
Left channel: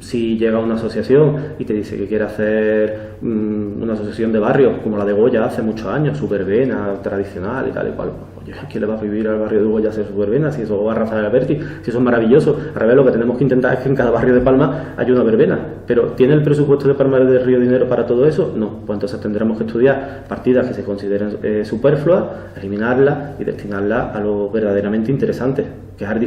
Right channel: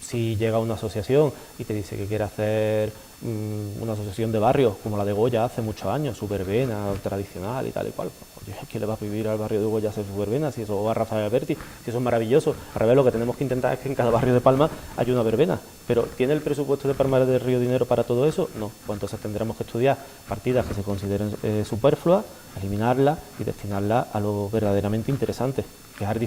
si llega una asociación y te dice que quiere hacer una asociación de barrios, como la de Goya hace muchos años, su verbena tradicional y tal y cual. Oye, ¿quién le va a prohibir al barrio de Goya hacer su verbena? Si eso va a Rafael Alberti, si eso es maravilloso. Al revés, lo que tenemos que intentar es que en cada barrio de Palma haya una verbena. Pero ¿tiene el presupuesto de Palma del Río dinero para todo eso? No. Pues entonces tendremos que estudiar partidas que se consideren superfluas, eliminarlas y destinarlas a lo verdaderamente interesante, que es al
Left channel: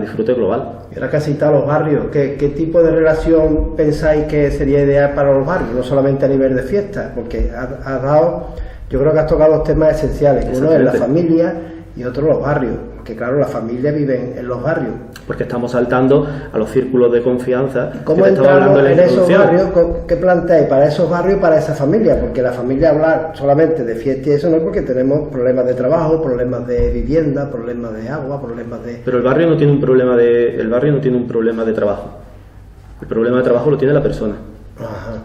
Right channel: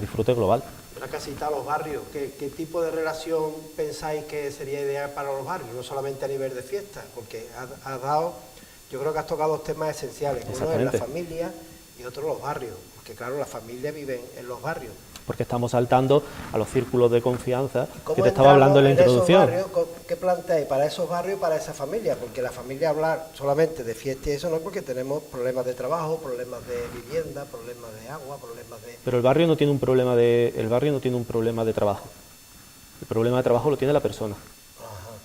disfrute global. Y ahora que has citado los barrios, ¿qué tipo de relación pensáis que sería ideal para los barrios? No solamente a nivel de fiestas, porque yo creo que has tocado dos temas esenciales. Uno es la familia y otro los barrios, porque claro, las familias viven en los barrios. Porque estamos saltando a los círculos de confianza que ¿Cómo te estaba hablando en la esos introducción? barrios? ¿Qué planteáis para esos barrios y para esa familia? Porque la familia hablar solamente de fiesta y eso no es porque tenemos problemas de trabajo, problemas de vivienda, problemas de agua, problemas de... Pero el barrio no tiene un problema de trabajo. El problema de trabajo lo tiene la persona. Ajá.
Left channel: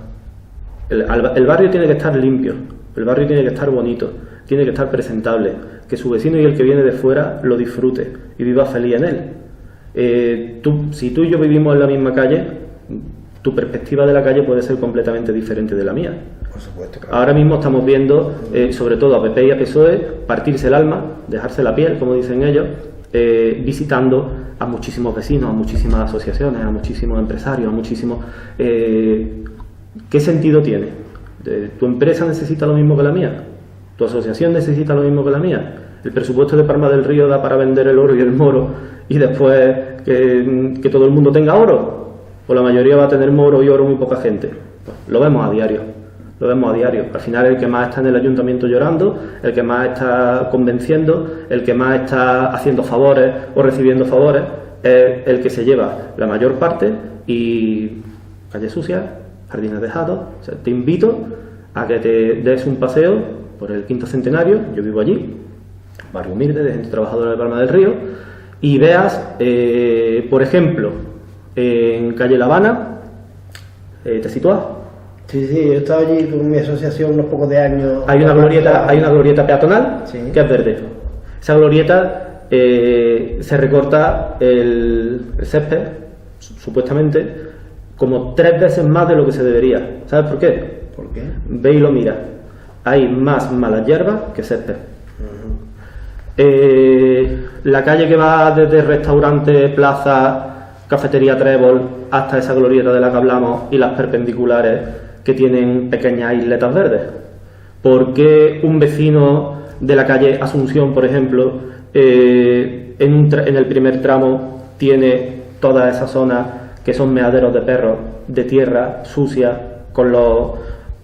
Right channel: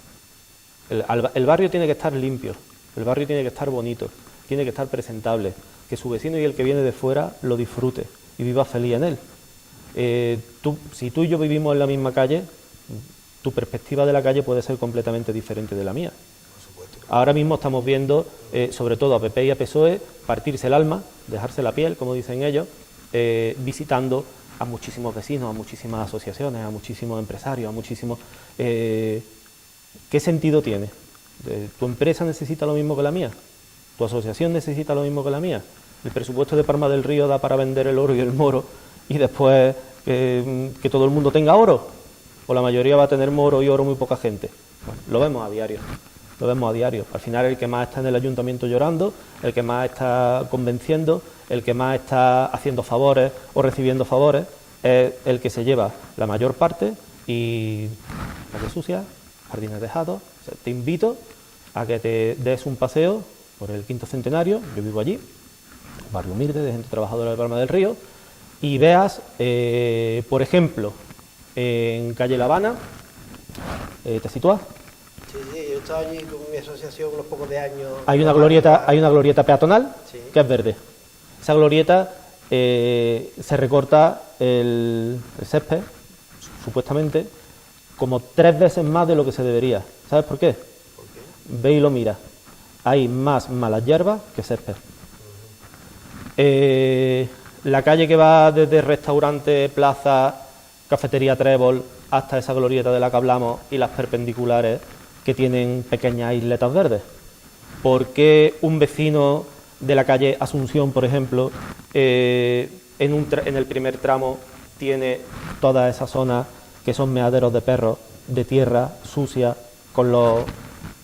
El barrio tiene que estar limpio, el barrio tiene que estar bonito, tiene que estar presentable, que su vecino y el que viene de fuera lo disfrute y viva feliz en él. Si tú y yo vivimos en la misma calle, tu perspectiva de la calle puede ser completamente diferente de la mía. Por supuesto, claro. Ahora mismo estamos viendo, sobre todo a PP y a PSOE, partirse el alma, dejarse la piel, como dicen ellos, visitando a muchísimos vecinos, a muchísimas asociaciones, a muchísimos empresarios, a muchísimos... ¿Qué sentido tiene? ¿Tu empresa necesita lo mismo que la mía? ¿Tu asociación necesita lo mismo que la mía? ¿El presupuesto de Palma del Río da para vender el oro y el moro y después que todo el mundo tenga oro? ¿O la mayoría va a tener moro y oro muy poca gente? Pues lo vemos a diario. Lo vemos a diario. Al final el que más está en el ayuntamiento llorando, el que más está convenciendo, el que más está haciendo favores o recibiendo favores, es el que se lleva la mayor parte y calle sucia, jardines dejados. O sea, te invito a que te des un paseo por el Quinto Centenario, yo vivo allí, barrio humilde de gente trabajadora de Palma del Río, y veas, por ejemplo, en calle La Habana, ¿Te sitúas? Sí, sí, yo he estado allí con mi asociación unos pocos de años. Hay una glorieta peatonal, sí, que es verde. Esa glorieta se recorta el césped, supuestamente, como 3 veces más de lo que se debería. ¿Sabes por qué? ¿Por qué? Ve y lo mira. Hay más malas hierbas que césped. La calle que va desde restaurante, plaza, cafetería Trébol hasta esa glorieta de la que hablamos y las perpendiculares que tienen pequeñas isletas verdes. ¿Por qué un vecino de la calle Asunción, por ejemplo, en el primer tramo tiene toda esa zona que son meaderos de perros, de tierra sucia, con los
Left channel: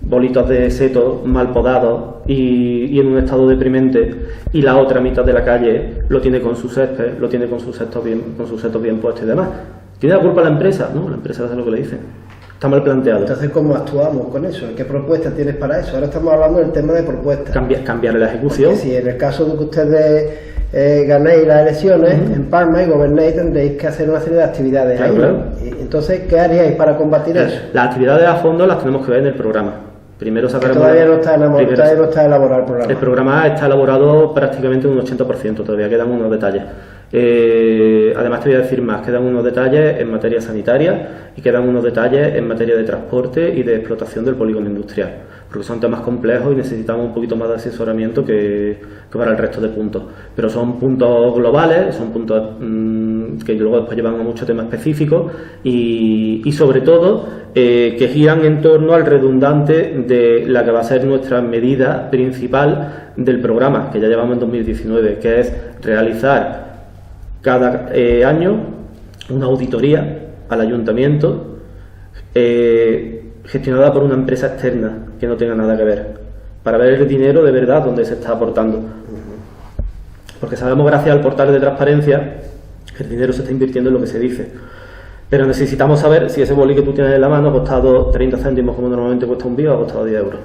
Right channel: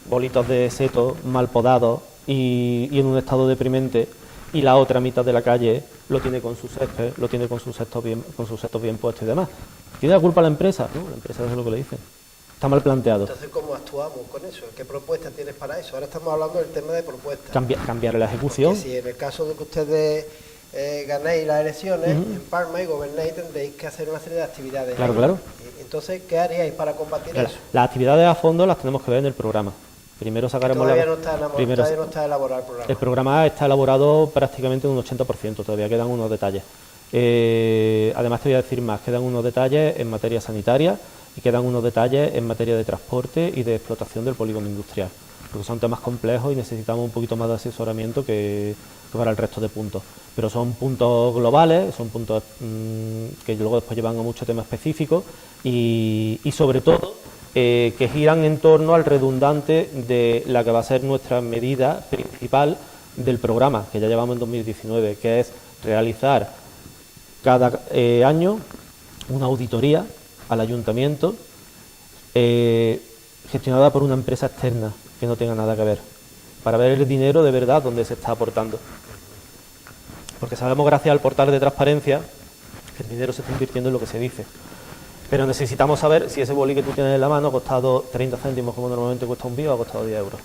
bolitos de seto mal podados y en un estado deprimente, y la otra mitad de la calle lo tiene con su césped, lo tiene con sus setos bien puestos y demás? ¿Tiene la culpa la empresa? No, la empresa hace lo que le dicen. Está mal planteado. Entonces, ¿cómo actuamos con eso? ¿Qué propuesta tienes para eso? Ahora estamos hablando del tema de propuestas. Cambiar la ejecución. Porque si en el caso de que ustedes ganéis las elecciones en Palma y gobernéis, tendréis que hacer una serie de actividades ahí. Claro. Y entonces, ¿qué haríais para combatir eso? Las actividades a fondo las tenemos que ver en el programa. Primero sacaremos... Todavía no está elaborado el programa. El programa está elaborado prácticamente un 80%, todavía quedan unos detalles. Además te voy a decir más, quedan unos detalles en materia sanitaria y quedan unos detalles en materia de transporte y de explotación del polígono industrial, porque son temas complejos y necesitamos un poquito más de asesoramiento que para el resto de puntos. Pero son puntos globales, son puntos que luego después llevan a muchos temas específicos y sobre todo que giran en torno al redundante de la que va a ser nuestra medida principal del programa, que ya llevamos en 2019, que es realizar cada año una auditoría al ayuntamiento gestionada por una empresa externa que no tenga nada que ver, para ver el dinero de verdad donde se está aportando. Porque sabemos, gracias al portal de transparencia, que el dinero se está invirtiendo en lo que se dice. Pero necesitamos saber si ese boli que tú tienes en la mano ha costado 30 céntimos como normalmente cuesta un BIO o ha costado 10 euros.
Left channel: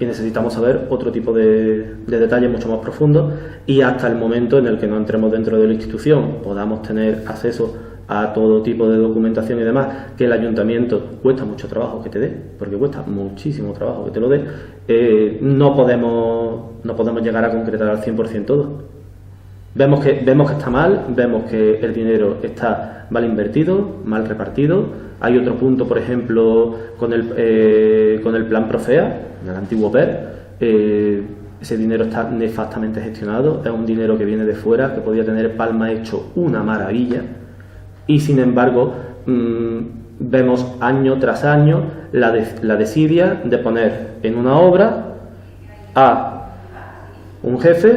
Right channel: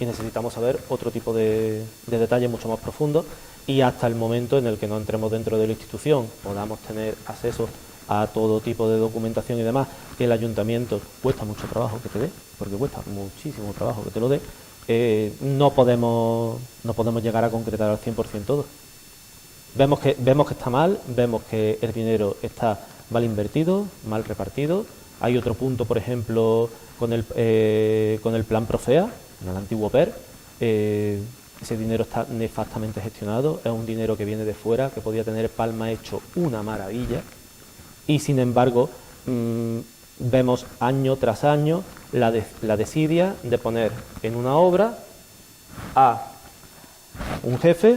Y necesitamos saber otro tipo de detalles mucho más profundos, y hasta el momento en el que no entremos dentro de la institución podamos tener acceso a todo tipo de documentación y demás, que el ayuntamiento cuesta mucho trabajo que te dé, porque cuesta muchísimo trabajo que te lo dé, no podemos llegar a concretar al 100% todo. Vemos que está mal, vemos que el dinero está mal invertido, mal repartido. Hay otro punto, por ejemplo, con el plan Profea, en el antiguo PER. Ese dinero está nefastamente gestionado, es un dinero que viene de fuera, que podía tener Palma hecho una maravilla, y sin embargo vemos año tras año la desidia de poner en una obra a un jefe,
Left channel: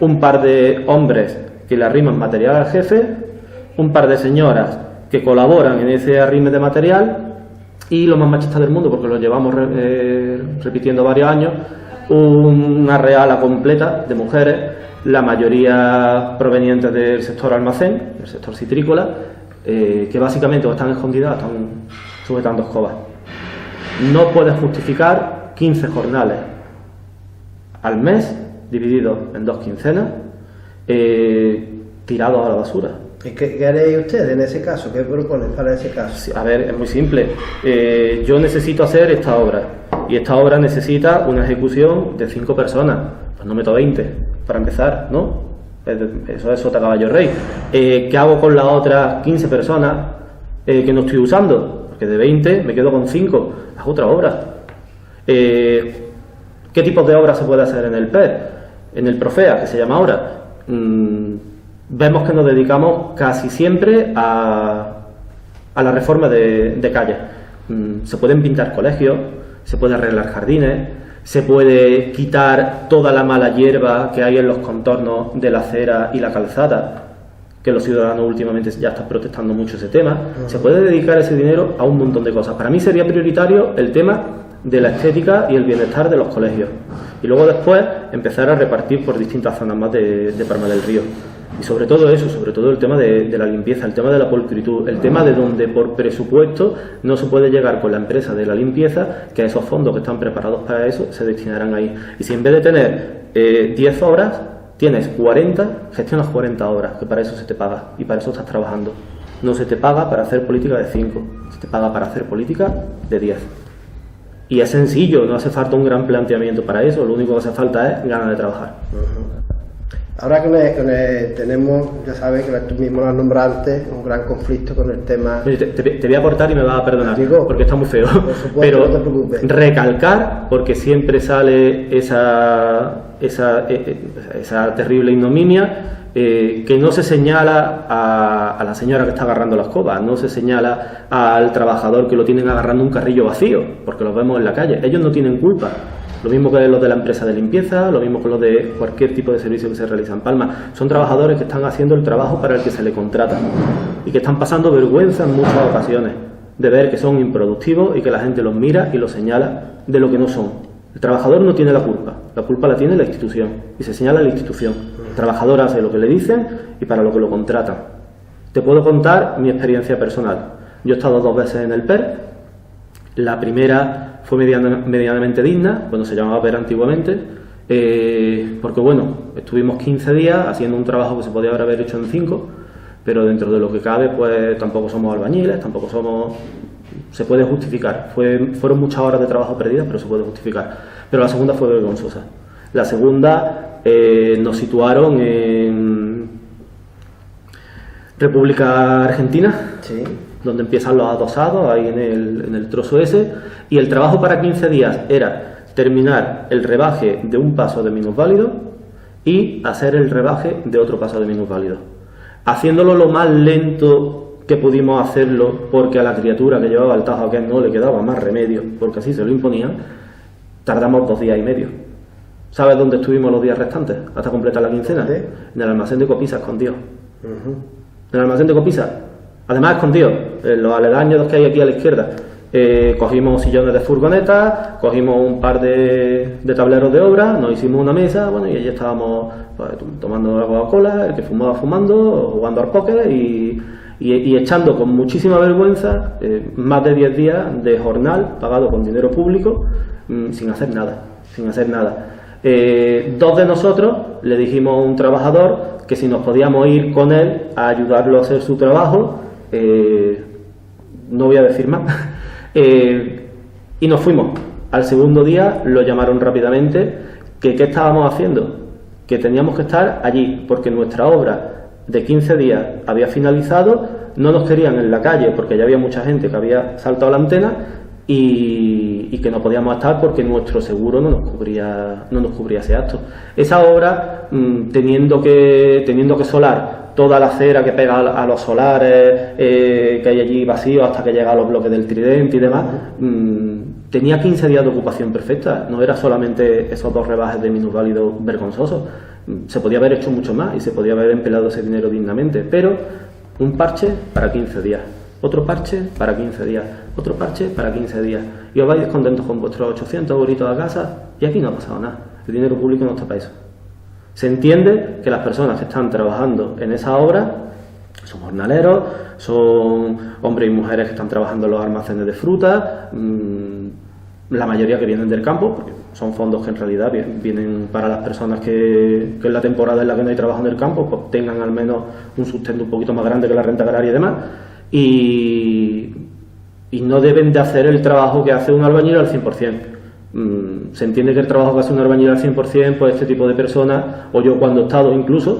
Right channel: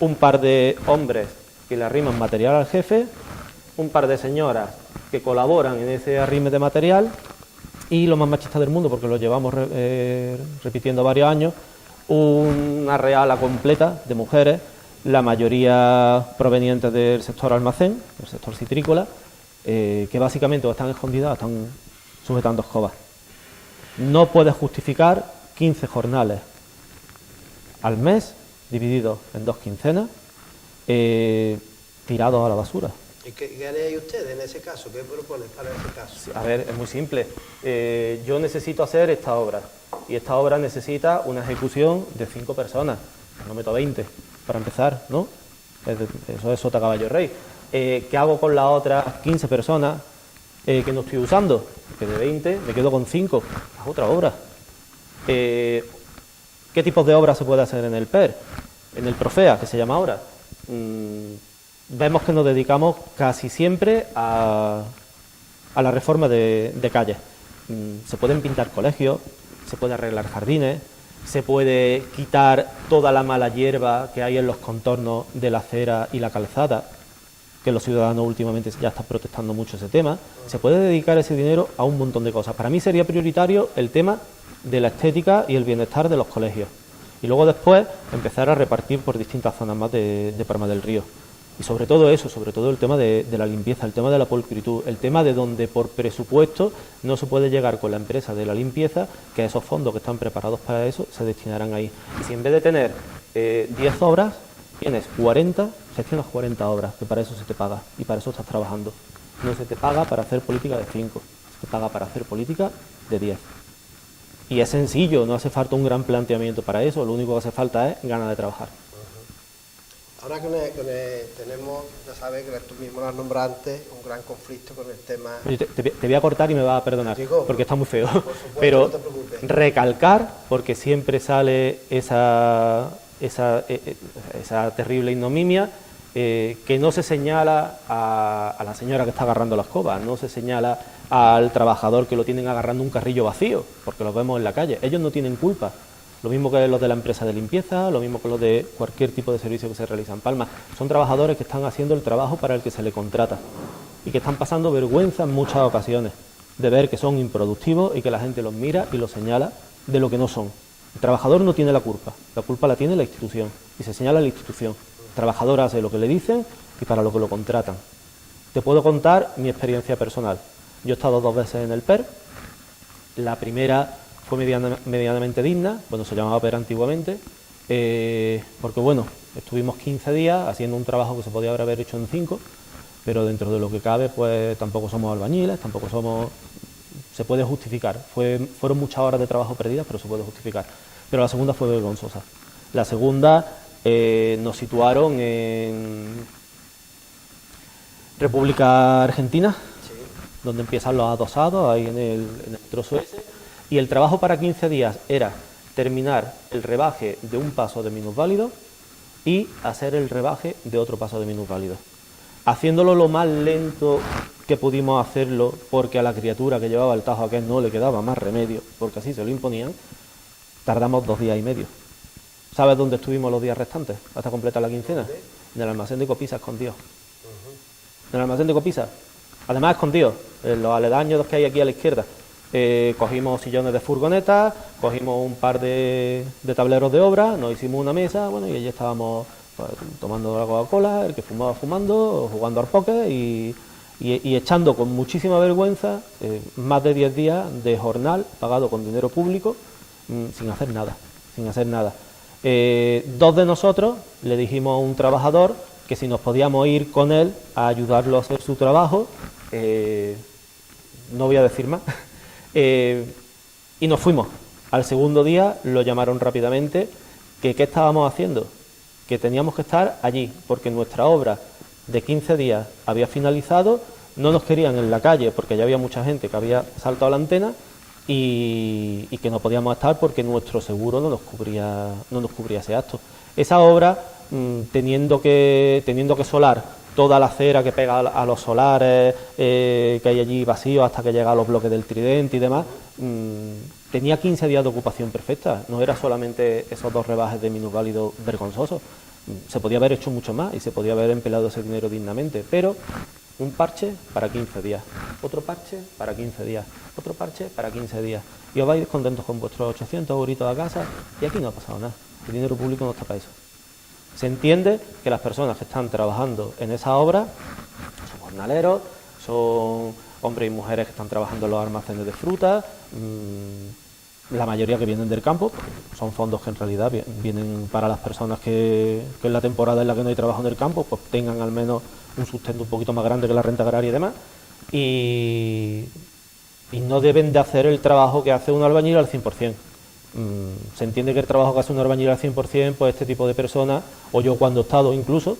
un par de hombres que le arriman material al jefe, un par de señoras que colaboran en ese arrime de material, y lo más machista del mundo, porque lo llevamos repitiendo varios años, una reala completa de mujeres, la mayoría provenientes del sector almacén, del sector citrícola, que básicamente o están escondidas o están sujetando escobas. No puedes justificar 15 jornales al mes, divididos en 2 quincenas, tirados a la basura. ¿Y qué haréis ustedes en ese caso? ¿Qué proponen para ese caso? Sí, a ver, es muy simple. Yo necesito hacer esta obra, y esta obra necesita una ejecución de 5 personas. Pues no meto 20, para empezar, ¿no? Eso es sota caballo rey. ¿Qué hago con las otras 15 personas que no estoy usando? Porque de 20 me quedo con 5. Es otra obra. ¿Qué tipos de obras se puede hacer en el PER? En el Profea, que se llama ahora. Vemos que nos dedicamos casi siempre a la reforma de calles. Se pueden pintar colegios, se puede arreglar jardines, se puede quitar toda la mala hierba que hay en los contornos de la acera y la calzada, que los ciudadanos últimamente ya están protestando mucho ese tema. Se puede dedicar ese dinero a un montón de cosas. Para mí sería prioritario el tema de la estética y el bienestar de los colegios, y luego después empezar a repartir por distintas zonas más de Palma del Río. Y sobre todo eso, sobre todo el tema de la limpieza, el tema de la pulcritud, el tema de donde por presupuesto no se puede llegar con la empresa de la limpieza, que esos fondos que están preparados para eso se destinarán ahí. Y si en vez de tener 10 obras, tienes 40, gestionas 40 obras, que para eso se te paga y para eso estás trabajando. No se te paga para hacer política de 5, se te paga para hacer política de 10. Y es sencillo, no hace falta un gran planteamiento para eso, lo único que hace falta es ganas de trabajar. Ahora que tenemos, ya sabes, que tú mismo lo has nombrado antes, un gran conflicto con el tema... Te voy a cortar y me vas a perdonar, Digo, porque está muy feo. Por supuesto, pero no te preocupes. Recalcar, porque siempre sale esa terrible ignominia, que no se señala a la señora que está agarrando la escoba, no se señala al trabajador que lo tienen agarrando un carrillo vacío, porque los vemos en la calle. Ellos no tienen culpa. Lo mismo que los de la empresa de limpieza, lo mismo que los de cualquier tipo de servicio que se realiza en Palma. Son trabajadores que están haciendo el trabajo para el que se les contrata y que están pasando vergüenza en muchas ocasiones de ver que son improductivos y que la gente los mira y los señala de lo que no son. El trabajador no tiene la culpa la tiene la institución y se señala a la institución. El trabajador hace lo que le dicen y para lo que lo contratan. Te puedo contar mi experiencia personal. Yo he estado 2 veces en el PER. La primera fue medianamente digna, cuando se llamaba PER antiguamente, porque bueno, estuvimos 15 días haciendo un trabajo que se podía haber hecho en 5, pero dentro de lo que cabe, pues tampoco somos albañiles, tampoco somos... Se puede justificar. Fueron muchas horas de trabajo perdidas, pero se puede justificar. Pero la segunda fue vergonzosa. La segunda nos situaron en República Argentina, Sí. donde empiezan los adosados, ahí en el trozo ese, y el trabajo para 15 días era terminar el rebaje de un paso de minusválido y hacer el rebaje de otro paso de minusválido. Haciéndolo lo más lento que pudimos hacerlo, porque a la criatura que llevaba el tajo aquel no le quedaba más remedio, porque así se lo imponían, tardamos 2 días y medio. ¿Sabes dónde estuvimos los días restantes hasta completar la quincena? ¿Sí? En el almacén de Copisa, escondido. Uh-huh. En el almacén de Copisa, además escondido, en los aledaños que hay aquí a la izquierda. Cogimos sillones de furgoneta, cogimos un par de tableros de obra, nos hicimos una mesa, bueno, y allí estábamos pues, tomando la Coca-Cola, el que fumaba fumando, jugando al póker y echando con muchísima vergüenza más de 10 días de jornal pagado con dinero público sin hacer nada. 2 de nosotros le dijimos a un trabajador que si nos podíamos ir con él a ayudarlo a hacer su trabajo, no voy a decir más, y nos fuimos. Al segundo día lo llamaron rápidamente, que qué estábamos haciendo, que teníamos que estar allí, porque nuestra obra de 15 días había finalizado, no nos querían en la calle porque ya había mucha gente que había saltado la antena y que no podíamos estar porque nuestro seguro no nos cubría ese acto. Esa obra, teniendo que solar toda la acera que pega a los solares que hay allí vacíos hasta que llega a los bloques del Tridente y demás, tenía 15 días de ocupación perfecta, no era solamente esos 2 rebajes de minusválido vergonzosos. Se podía haber hecho mucho más y se podía haber empleado ese dinero dignamente, pero un parche para 15 días, otro parche para 15 días, otro parche para 15 días, y os vais contentos con vuestros 800 euritos a casa y aquí no ha pasado nada. El dinero público no está para eso. Se entiende que las personas que están trabajando en esa obra son jornaleros, son hombres y mujeres que están trabajando en los almacenes de fruta, la mayoría que vienen del campo, son fondos que en realidad vienen para las personas que en la temporada en la que no hay trabajo en el campo, pues tengan al menos un sustento un poquito más grande que la renta agraria y demás, y no deben de hacer el trabajo que hace un albañil al 100%. Se entiende que el trabajo que hace un albañil al 100%, pues este tipo de personas, o yo cuando he estado incluso,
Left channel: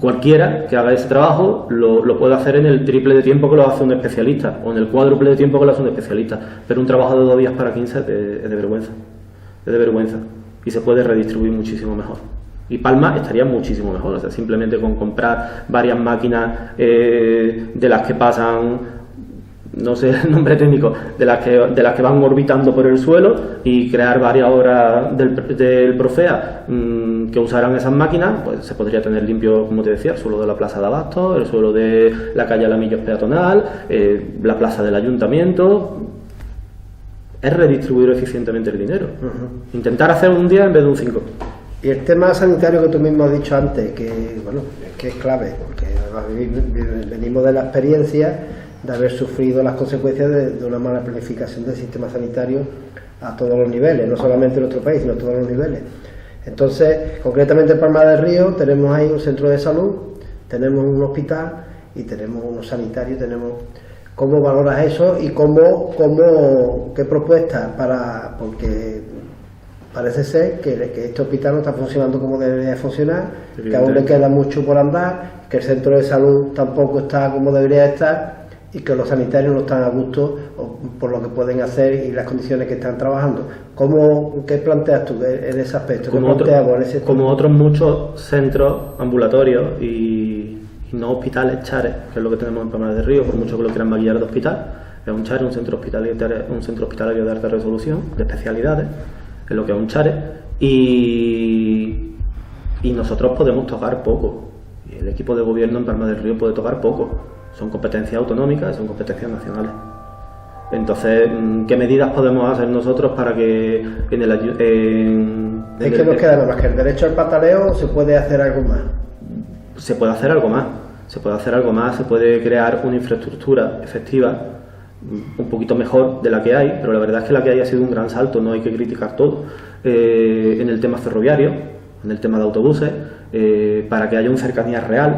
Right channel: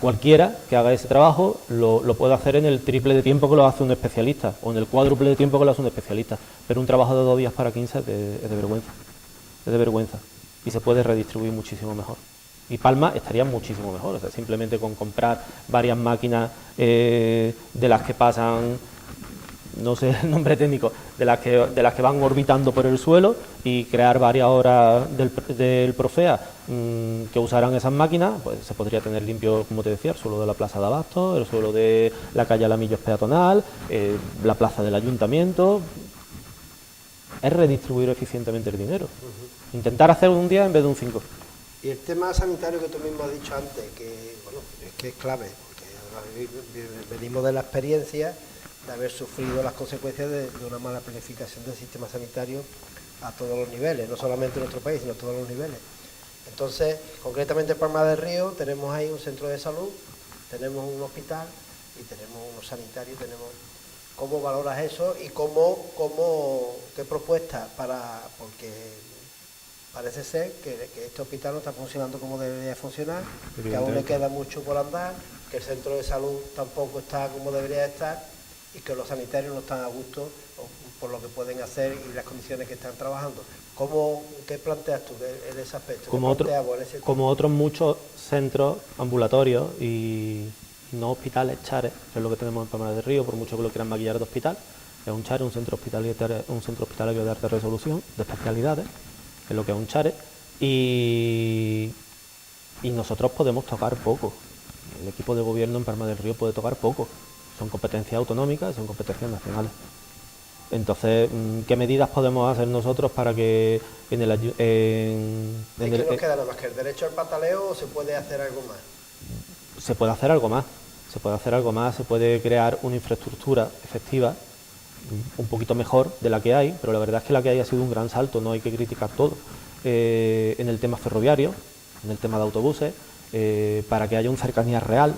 cualquiera que haga ese trabajo lo puede hacer en el triple de tiempo que lo hace un especialista, o en el cuádruple de tiempo que lo hace un especialista, pero un trabajo de 2 días para 15 es de vergüenza, y se puede redistribuir muchísimo mejor. Y Palma estaría muchísimo mejor, o sea, simplemente con comprar varias máquinas de las que pasan, no sé el nombre técnico, de las que van orbitando por el suelo y crear varias obras del Profea que usaran esas máquinas, pues se podría tener limpio, como te decía, el suelo de la Plaza de Abasto, el suelo de la calle Alamillos peatonal, la plaza del Ayuntamiento. Es redistribuir eficientemente el dinero. Intentar hacer un día en vez de un 5. Y el tema sanitario que tú mismo has dicho antes, que bueno, es que es clave, porque venimos de la experiencia de haber sufrido las consecuencias de una mala planificación del sistema sanitario a todos los niveles, no solamente en nuestro país, sino a todos los niveles. Entonces, concretamente en Palma del Río tenemos ahí un centro de salud, tenemos un hospital y tenemos unos sanitarios, tenemos ¿Cómo valoras eso y qué propuestas porque parece ser que este hospital no está funcionando como debería funcionar, que aún le queda mucho por andar, que el centro de salud tampoco está como debería estar y que los sanitarios no están a gusto por lo que pueden hacer y las condiciones que están trabajando? ¿Qué planteas tú en ese aspecto? Como otros muchos centros ambulatorios y no hospitales, chares, que es lo que tenemos en Palma del Río, por mucho que lo quieran maquillar de hospital, es un chare, un centro hospitalario de alta resolución, de especialidades, es lo que es un chare, y nosotros podemos tocar poco. El equipo de gobierno en Palma del Río puede tocar poco, son competencias autonómicas, son competencias nacionales. Entonces, ¿qué medidas podemos hacer nosotros para que ¿qué nos queda nada más que el derecho al pataleo o se puede hacer algo más? Se puede hacer algo más, se puede crear una infraestructura efectiva, un poquito mejor de la que hay, pero la verdad es que la que hay ha sido un gran salto, no hay que criticar todo. En el tema ferroviario, en el tema de autobuses, para que haya una cercanía real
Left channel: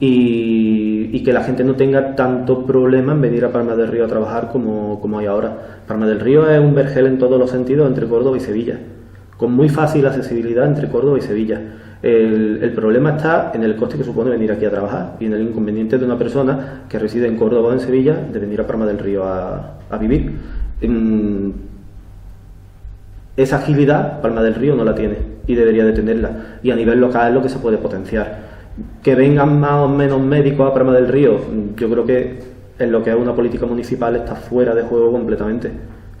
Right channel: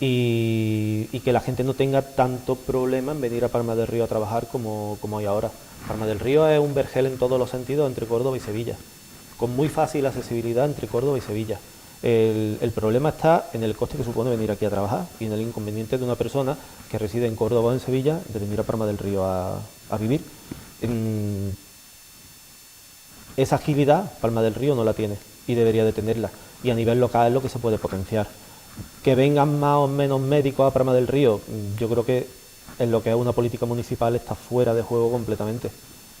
y que la gente no tenga tanto problema en venir a Palma del Río a trabajar como hay ahora. Palma del Río es un vergel en todos los sentidos entre Córdoba y Sevilla, con muy fácil accesibilidad entre Córdoba y Sevilla. El problema está en el coste que supone venir aquí a trabajar y en el inconveniente de una persona que reside en Córdoba o en Sevilla de venir a Palma del Río a vivir. Esa agilidad Palma del Río no la tiene y debería de tenerla, y a nivel local es lo que se puede potenciar. Que vengan más o menos médicos a Palma del Río, yo creo que en lo que es una política municipal está fuera de juego completamente.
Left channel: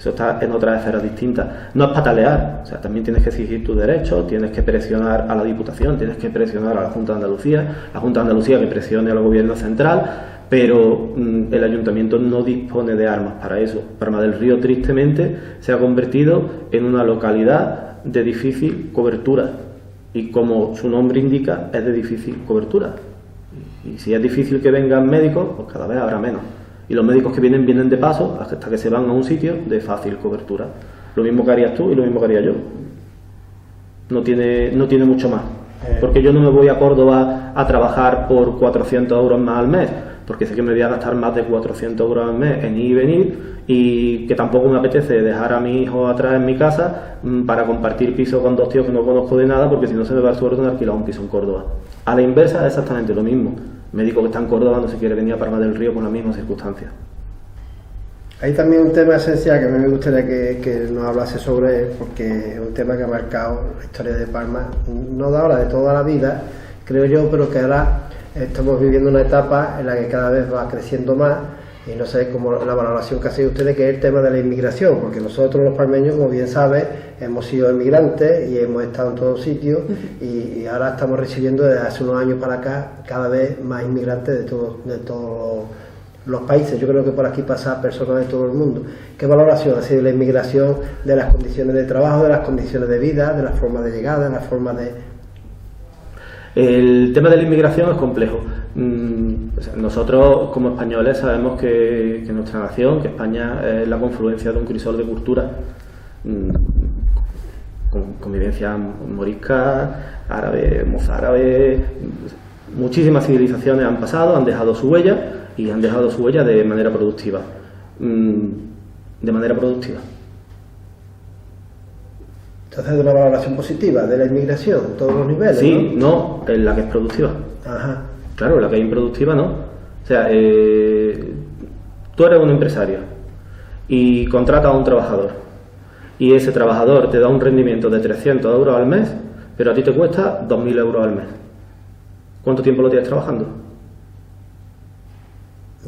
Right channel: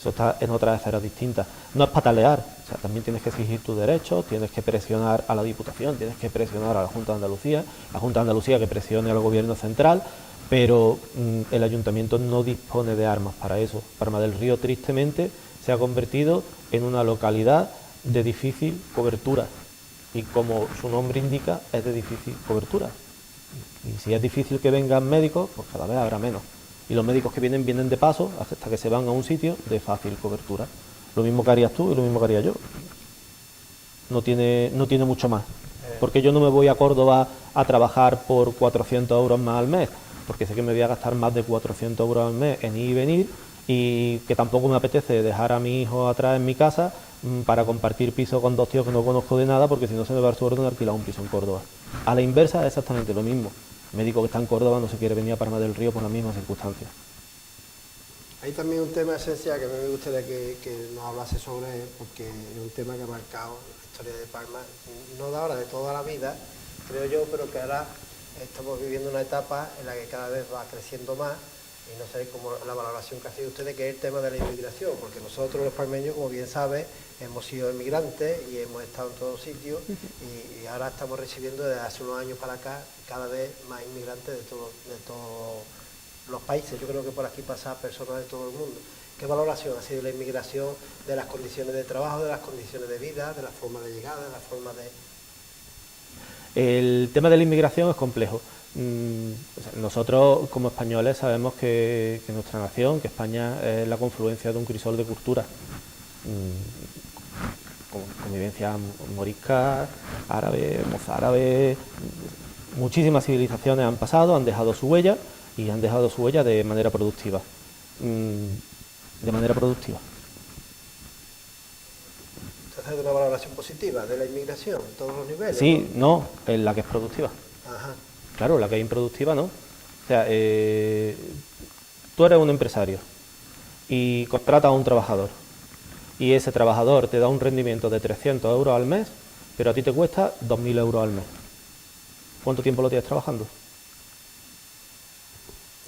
Eso está en otras esferas distintas. No es patalear, o sea, también tienes que exigir tus derechos, tienes que presionar a la Diputación, tienes que presionar a la Junta de Andalucía, la Junta de Andalucía que presione al Gobierno central, pero el Ayuntamiento no dispone de armas para eso. Palma del Río, tristemente, se ha convertido en una localidad de difícil cobertura y, como su nombre indica, es de difícil cobertura. Y si es difícil que vengan médicos, pues cada vez habrá menos. Y los médicos que vienen de paso hasta que se van a un sitio de fácil cobertura. Lo mismo que harías tú y lo mismo que haría yo. No tiene mucho más. Porque yo no me voy a Córdoba a trabajar por 400 euros más al mes, porque sé que me voy a gastar más de 400 euros al mes en ir y venir, y que tampoco me apetece dejar a mi hijo atrás en mi casa para compartir piso con dos tíos que no conozco de nada, porque si no se me va el sueldo de alquilar un piso en Córdoba. A la inversa es exactamente lo mismo. El médico que está en Córdoba no se quiere venir a Palma del Río por las mismas circunstancias. Hay también un tema esencial que a mí me gustaría que nos hablase sobre, porque es un tema que ha marcado la historia de Palma, no de ahora, de toda la vida, creo yo, pero que ahora estamos viviendo una etapa en la que cada vez va creciendo más, y no sé cómo la valoración que hacen ustedes, que es el tema de la inmigración, porque nosotros los palmeños, como bien sabes, hemos sido inmigrantes y hemos estado en todos sitios, y ahora estamos recibiendo desde hace unos años para acá cada vez más inmigrantes de todos los países. Yo creo que por aquí pasan personas de todo el mundo. ¿Qué valoración ha sido la inmigración, de las condiciones de trabajo, de las condiciones de vida, de las formas de llegada, de las formas de...? El tema de la inmigración es complejo. Nosotros, como españoles, sabemos que nuestra nación, que España, es la confluencia de un crisol de culturas, con convivencia morisca, árabe, mozárabe. Muchísimas civilizaciones han pasado, han dejado su huella, y han dejado su huella de manera productiva. Entonces, de una valoración positiva de la inmigración en todos los niveles. Sí, no, en la que es productiva. Ajá. Claro, la que es improductiva no. O sea, tú eres un empresario y contratas a un trabajador, y ese trabajador te da un rendimiento de 300 euros al mes, pero a ti te cuesta 2.000 euros al mes. ¿Cuánto tiempo lo tienes trabajando?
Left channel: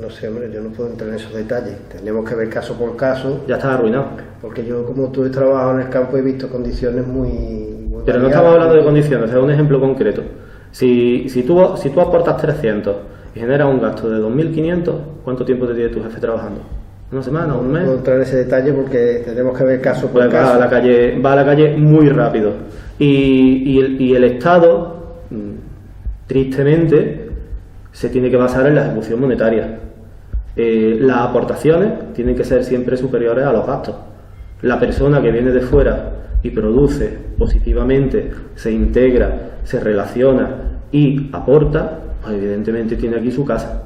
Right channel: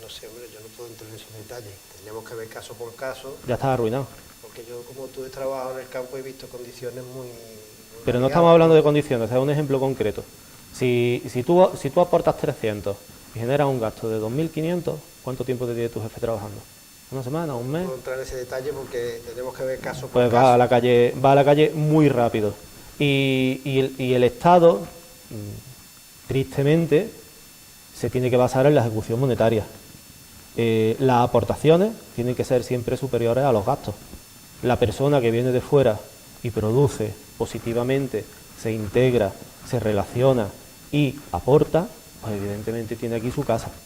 No sé, hombre, yo no puedo entrar en esos detalles. Tenemos que ver caso por caso. Ya estás arruinado. Porque yo, como tú, he trabajado en el campo y he visto condiciones muy pero no estamos hablando de condiciones, es un ejemplo concreto. Si tú aportas 300 y generas un gasto de 2.500, ¿cuánto tiempo te tiene tu jefe trabajando? ¿Una semana? ¿Un mes? No puedo entrar en ese detalle porque tenemos que ver caso por caso. Va a la calle muy rápido. Y el Estado, tristemente, se tiene que basar en la ejecución monetaria. Las aportaciones tienen que ser siempre superiores a los gastos. La persona que viene de fuera y produce positivamente, se integra, se relaciona y aporta, pues evidentemente tiene aquí su casa.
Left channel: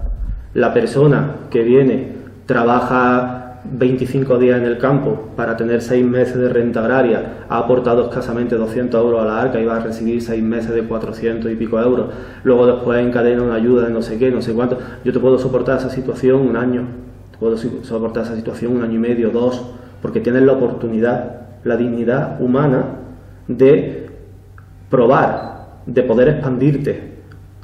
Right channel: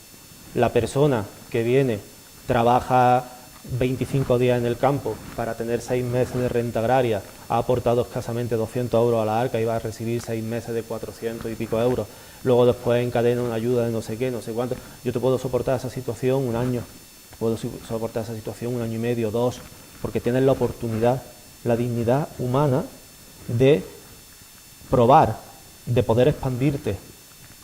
La persona que viene trabaja 25 días en el campo para tener 6 meses de renta agraria, ha aportado escasamente 200 euros a la arca y va a recibir 6 meses de 400 y pico euros, luego después encadena una ayuda de no sé qué, no sé cuánto. Yo te puedo soportar esa situación un año, te puedo soportar esa situación un año y medio, 2, porque tienes la oportunidad, la dignidad humana de probar, de poder expandirte,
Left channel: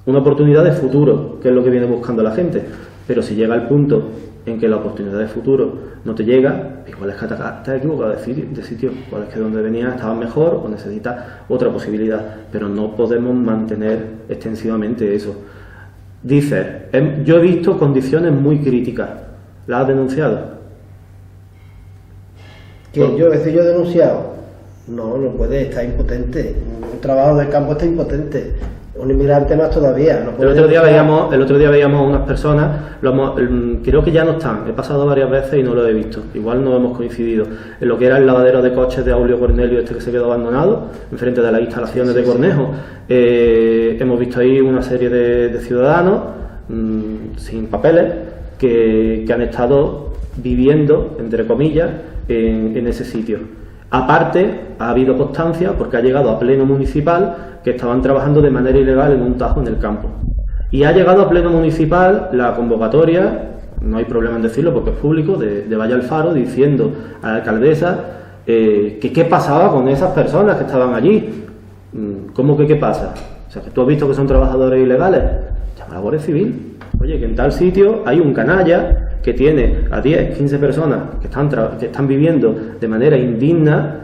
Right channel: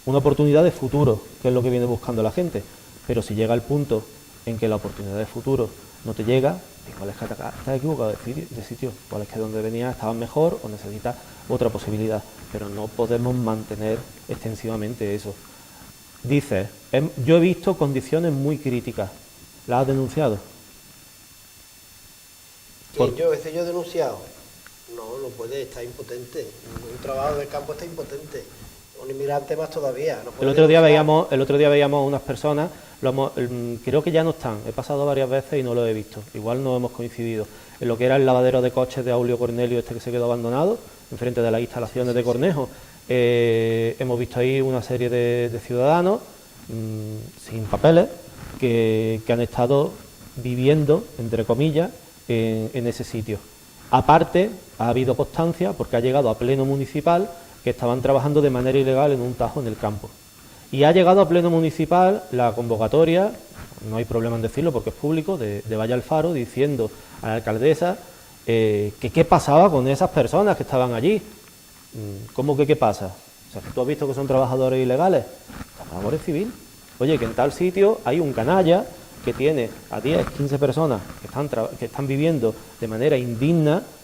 una oportunidad de futuro, que es lo que viene buscando la gente. Pero si llega el punto en que la oportunidad de futuro no te llega, igual es que te has equivocado de sitio, igual es que donde venías estabas mejor o necesitas otra posibilidad, pero no podemos mantener extensivamente eso. Dices, yo he visto condiciones muy críticas, ¿las has denunciado? ¿Que yo he denunciado? No puede, está impotente. Un trabajador del campo está impotente. Un inmigrante más todavía. No puede el otro día veíamos unas personas, creo que ya no están, he pasado varias veces y no lo he visto, igual no hemos coincidido, en lo que era el lavadero de coches de Aulio Cornelio, que se quedó abandonado, enfrente de las instalaciones de Cornejo. Hemos visto ahí una serie de ciudadanos sin papeles que han estado viviendo, entre comillas, en ese sitio. Aparte, ha habido constancia, porque ha llegado a pleno municipal, que estaban trabajando de manera ilegal en un tajo en el campo. Y ha llegado a pleno municipal la convocatoria, no hay problema en decirlo porque es público, de Valle al Faro, diciendo a la alcaldesa que qué pasaba con esas personas que estaban allí. ¿Cómo que qué pasa? O sea, que tú has visto que son trabajadores ilegales, llama a la Guardia Civil. Oye, que en tal sitio hay un canalla que tiene a 10, 15 personas que están viviendo de manera indigna,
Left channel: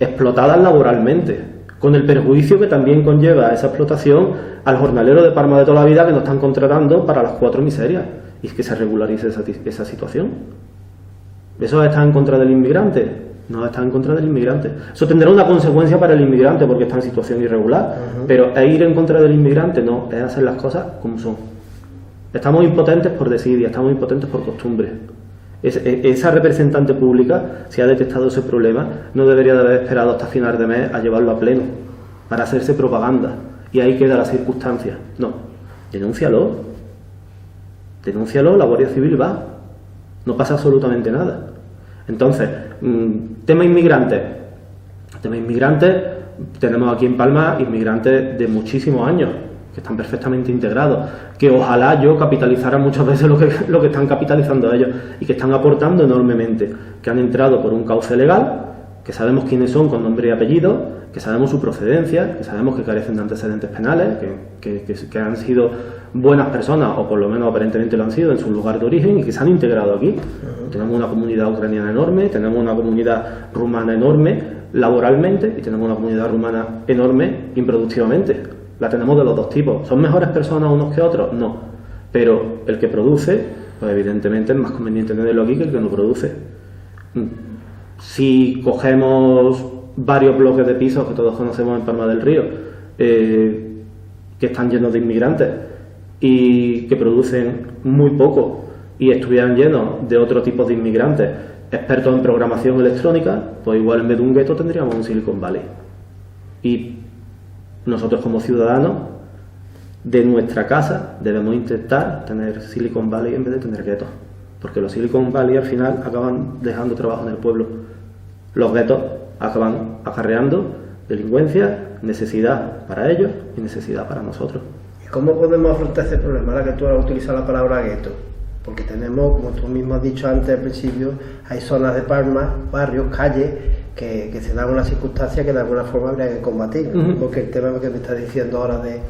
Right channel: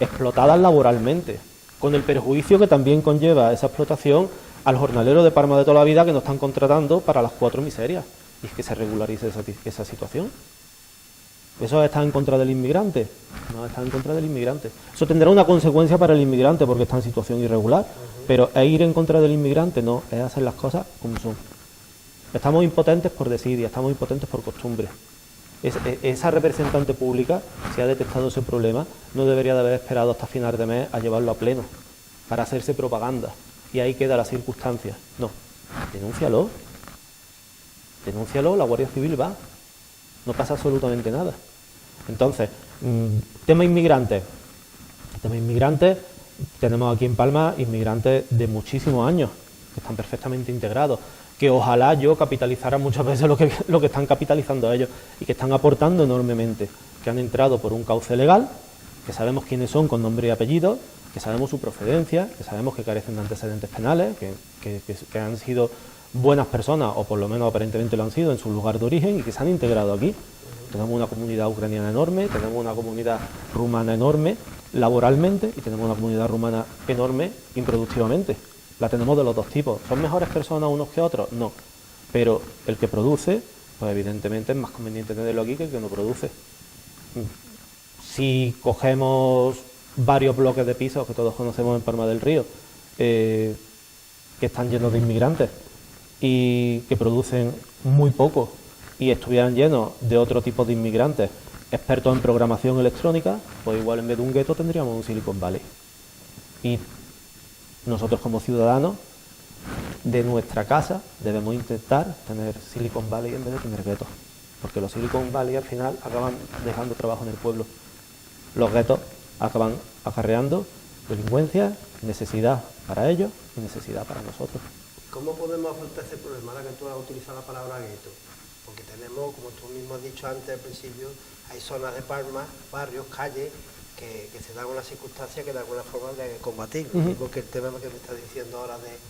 explotadas laboralmente, con el perjuicio que también conlleva esa explotación al jornalero de Parma de toda la vida que nos están contratando para las 4 miserias, y que se regularice esa situación. ¿Eso está en contra del inmigrante? No está en contra del inmigrante. Eso tendrá una consecuencia para el inmigrante porque está en situación irregular, pero ¿es ir en contra del inmigrante? No, es hacer las cosas como son. Estamos impotentes por desidia, estamos impotentes por costumbre. Esa representante pública, si ha detectado ese problema, no debería de haber esperado hasta final de mes a llevarlo a pleno para hacerse propaganda y ahí queda la circunstancia. No, denúncialo, la Guardia Civil va, no pasa absolutamente nada. Entonces, tema inmigrantes, tenemos aquí en Palma inmigrantes de muchísimos años que están perfectamente integrados, que ojalá yo capitalizara muchas veces lo que están capitalizando ellos y que están aportando enormemente, que han entrado por un cauce legal, que sabemos quiénes son con nombre y apellido, que sabemos su procedencia, que sabemos que carecen de antecedentes penales, que han sido buenas personas, o por lo menos aparentemente lo han sido en su lugar de origen y que se han integrado aquí. Tenemos una comunidad ucraniana enorme, tenemos una comunidad rumana enorme laboralmente y tenemos una comunidad rumana enorme improductivamente. La tenemos de los dos tipos. ¿Son mejores personas unos que otros? No. Pero el que produce, pues evidentemente es más conveniente tenerlo aquí que el que no produce. Si cogemos varios bloques de pisos que todos conocemos en Palma del Río, que están llenos de inmigrantes y que producen muy poco y estuvieran llenos de otro tipo de inmigrantes expertos en programación electrónica, pues igual en vez de un gueto tendríamos un Silicon Valley. Y nosotros como ciudadanos de nuestra casa debemos intentar tener Silicon Valley en vez de tener guetos, porque los Silicon Valley al final acaban dejando trabajo en el pueblo. Los guetos acaban acarreando delincuencia, necesidad para ellos y necesidad para nosotros. ¿Y cómo podemos afrontar ese problema ahora que tú has utilizado la palabra gueto? Porque tenemos, como tú mismo has dicho antes al principio, hay zonas de Palma, barrios, calles, que se dan una circunstancia que de alguna forma habría que combatir, ¿no? Porque el tema que me estás diciendo ahora de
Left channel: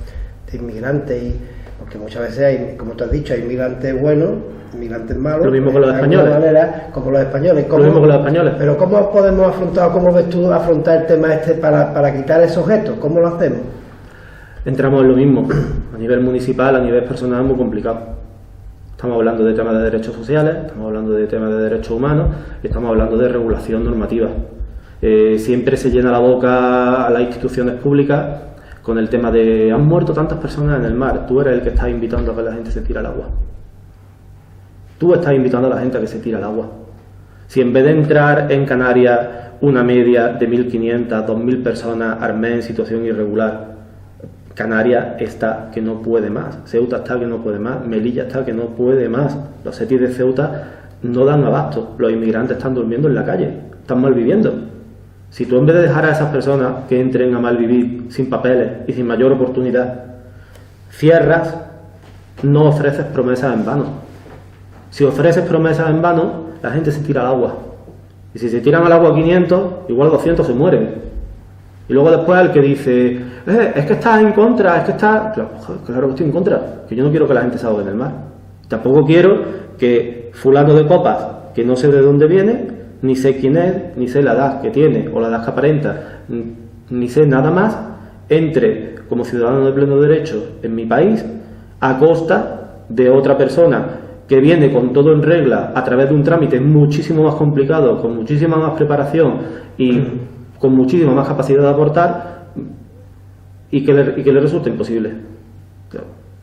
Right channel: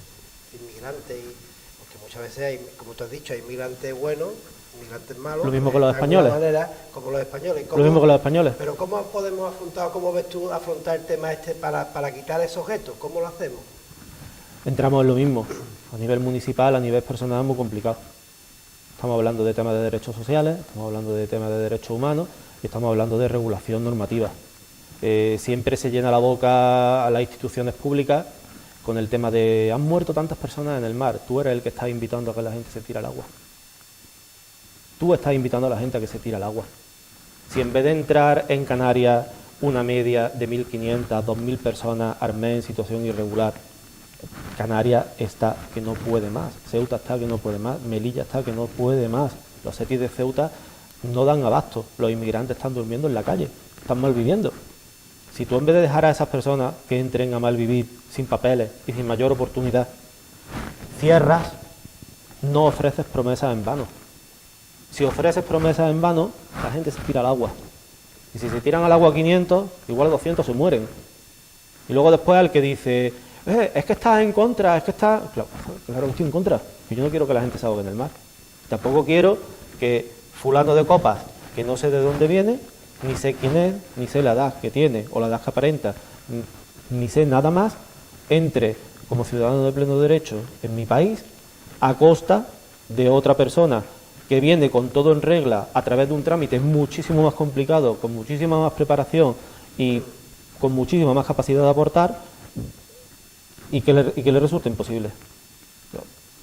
inmigrantes, porque muchas veces hay, como tú has dicho, hay inmigrantes buenos, inmigrantes malos. Lo mismo con los españoles. Como los españoles. Lo mismo con los españoles. Pero ¿cómo podemos afrontar, cómo ves tú afrontar el tema para quitar esos objetos? ¿Cómo lo hacemos? Entramos en lo mismo. A nivel municipal, a nivel personal es muy complicado. Estamos hablando de temas de derechos sociales, estamos hablando de temas de derechos humanos y estamos hablando de regulación normativa. Siempre se llena la boca a las instituciones públicas con el tema de han muerto tantas personas en el mar, tú eres el que estás invitando a que la gente se tire al agua. Tú estás invitando a la gente a que se tire al agua. Si en vez de entrar en Canarias una media de 1.500, 2.000 personas armé en situación irregular, Canarias está que no puede más, Ceuta está que no puede más, Melilla está que no puede más. Los setis de Ceuta no dan abasto. Los inmigrantes están durmiendo en la calle, están mal viviendo. Si tú, en vez de dejar a esas personas que entren a mal vivir sin papeles y sin mayor oportunidad, cierras, no ofreces promesas en vano. Si ofreces promesas en vano, la gente se tira al agua. Y si se tiran al agua 500, igual 200 se mueren. Y luego después el que dice, es que estás en contra, es que estás... Claro que estoy en contra, que yo no quiero que la gente se ahogue en el mar. Tampoco quiero que fulano de copas, que no sé de dónde viene, ni sé quién es, ni sé la edad que tiene o la edad que aparenta, ni sé nada más, entre como ciudadano de pleno derecho en mi país a costa de otra persona que viene con todo en regla a través de un trámite muchísimo más complicado, con muchísima más preparación y con muchísima más capacidad de aportar y que le resulta imposible.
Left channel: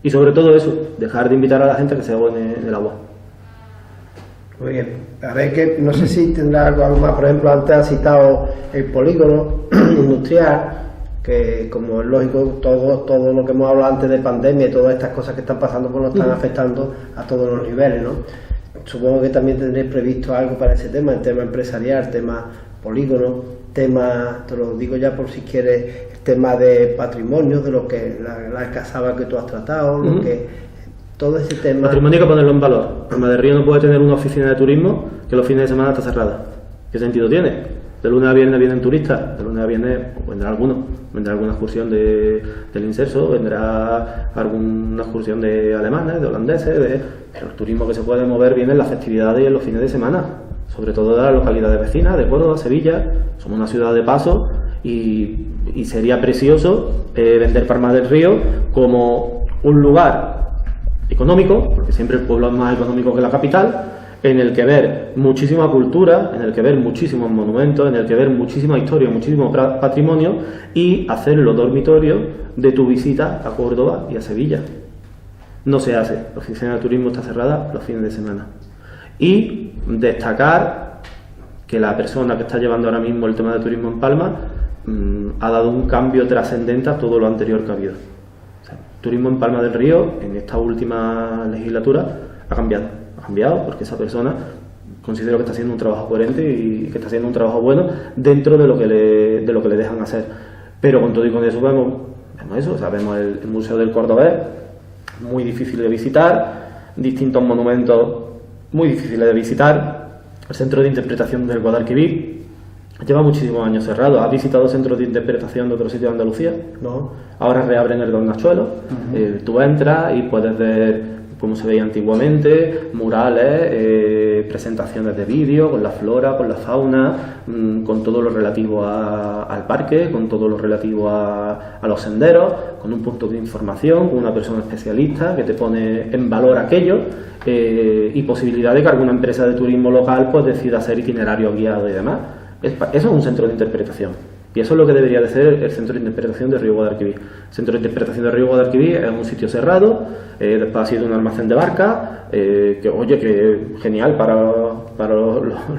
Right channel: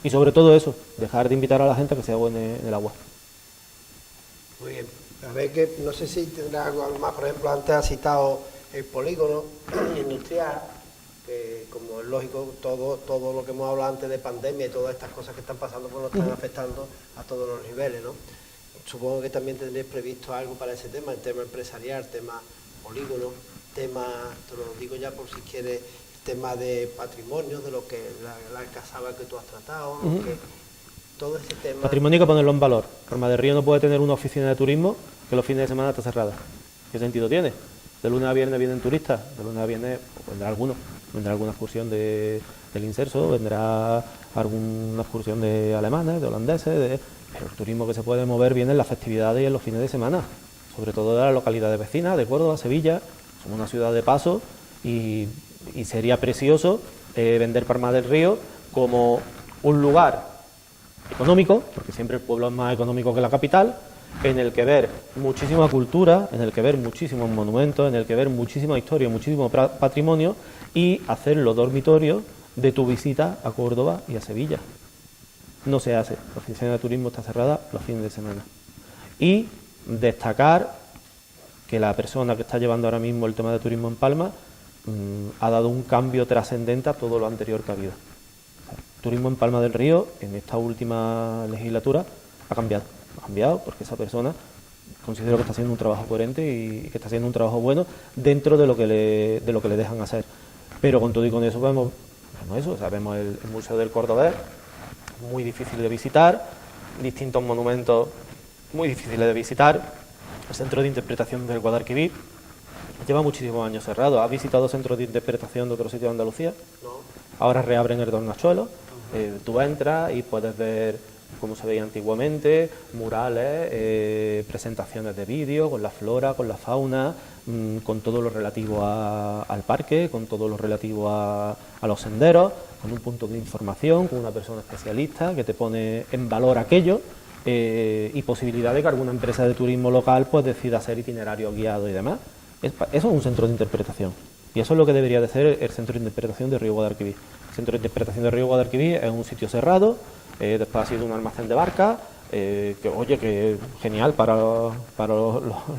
Y sobre todo eso, dejar de invitar a la gente a que se ahogue en el agua. Muy bien. A ver, que no sé si tendrá algo más. Por ejemplo, antes has citado el polígono industrial, que como es lógico, todo lo que hemos hablado antes de pandemia y todas estas cosas que están pasando, pues nos están afectando a todos los niveles, ¿no? Supongo que también tendréis previsto algo para ese tema, el tema empresarial, tema polígono, tema, te lo digo ya por si quieres, el tema de patrimonio, de lo que la casaba que tú has tratado, lo que... Todo ese tema... Patrimonio hay que ponerlo en valor. Palma del Río no puede tener una oficina de turismo que los fines de semana está cerrada. ¿Qué sentido tiene? De lunes a viernes vienen turistas, de lunes a viernes vendrá alguno. Vendrá alguna excursión del Inserso, vendrá alguna excursión de alemanes, de holandeses, pero el turismo que se puede mover viene en las festividades y en los fines de semana, sobre todo de las localidades vecinas, de Córdoba, Sevilla. Somos una ciudad de paso y sería precioso vender Palma del Río como un lugar económico, porque siempre el pueblo es más económico que la capital, en el que ver muchísima cultura, en el que ver muchísimos monumentos, en el que ver muchísima historia, muchísimo patrimonio y hacerlo dormitorio de tu visita a Córdoba y a Sevilla. No se hace, la oficina de turismo está cerrada los fines de semana. Y destacar que la persona que está llevando ahora mismo el tema de turismo en Palma ha dado un cambio trascendente a todo lo anterior que ha habido. Turismo en Palma del Río, en esta última legislatura, ha cambiado porque esa persona considero que está haciendo un trabajo coherente y que está haciendo un trabajo bueno dentro de lo que le dejan hacer. Pero con todo y con eso vemos eso, o sea, vemos el Museo del Cordobés, muy difícil de visitar, distintos monumentos muy difíciles de visitar, el Centro de Interpretación del Guadalquivir lleva muchísimos años cerrado. ¿Has visitado centros de interpretación de otros sitios de Andalucía? No. Ahora reabren el Dornachuelo. Tú entras y puedes ver cómo se veía antiguamente, murales, presentaciones de vídeo, con la flora, con la fauna, con todo lo relativo al parque, con todo lo relativo a los senderos, con un punto de información, con una persona especialista que te pone en valor aquello y posibilidad de que alguna empresa de turismo local pues decida hacer itinerario guiado y demás. Eso es un centro de interpretación. Y eso es lo que debería de ser el Centro de Interpretación de Río Guadalquivir. El Centro de Interpretación de Río Guadalquivir es un sitio cerrado, después ha sido un almacén de barcas, que genial para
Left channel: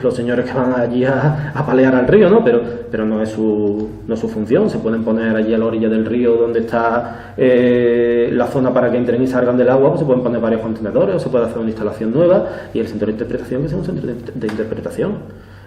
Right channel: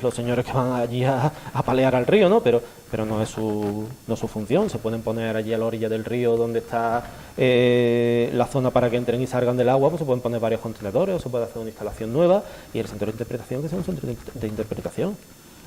los señores que van allí a palear al río, ¿no? Pero no es su función. Se pueden poner allí a la orilla del río donde está la zona para que entren y salgan del agua, pues se pueden poner varios contenedores o se puede hacer una instalación nueva y el Centro de Interpretación que sea un centro de interpretación.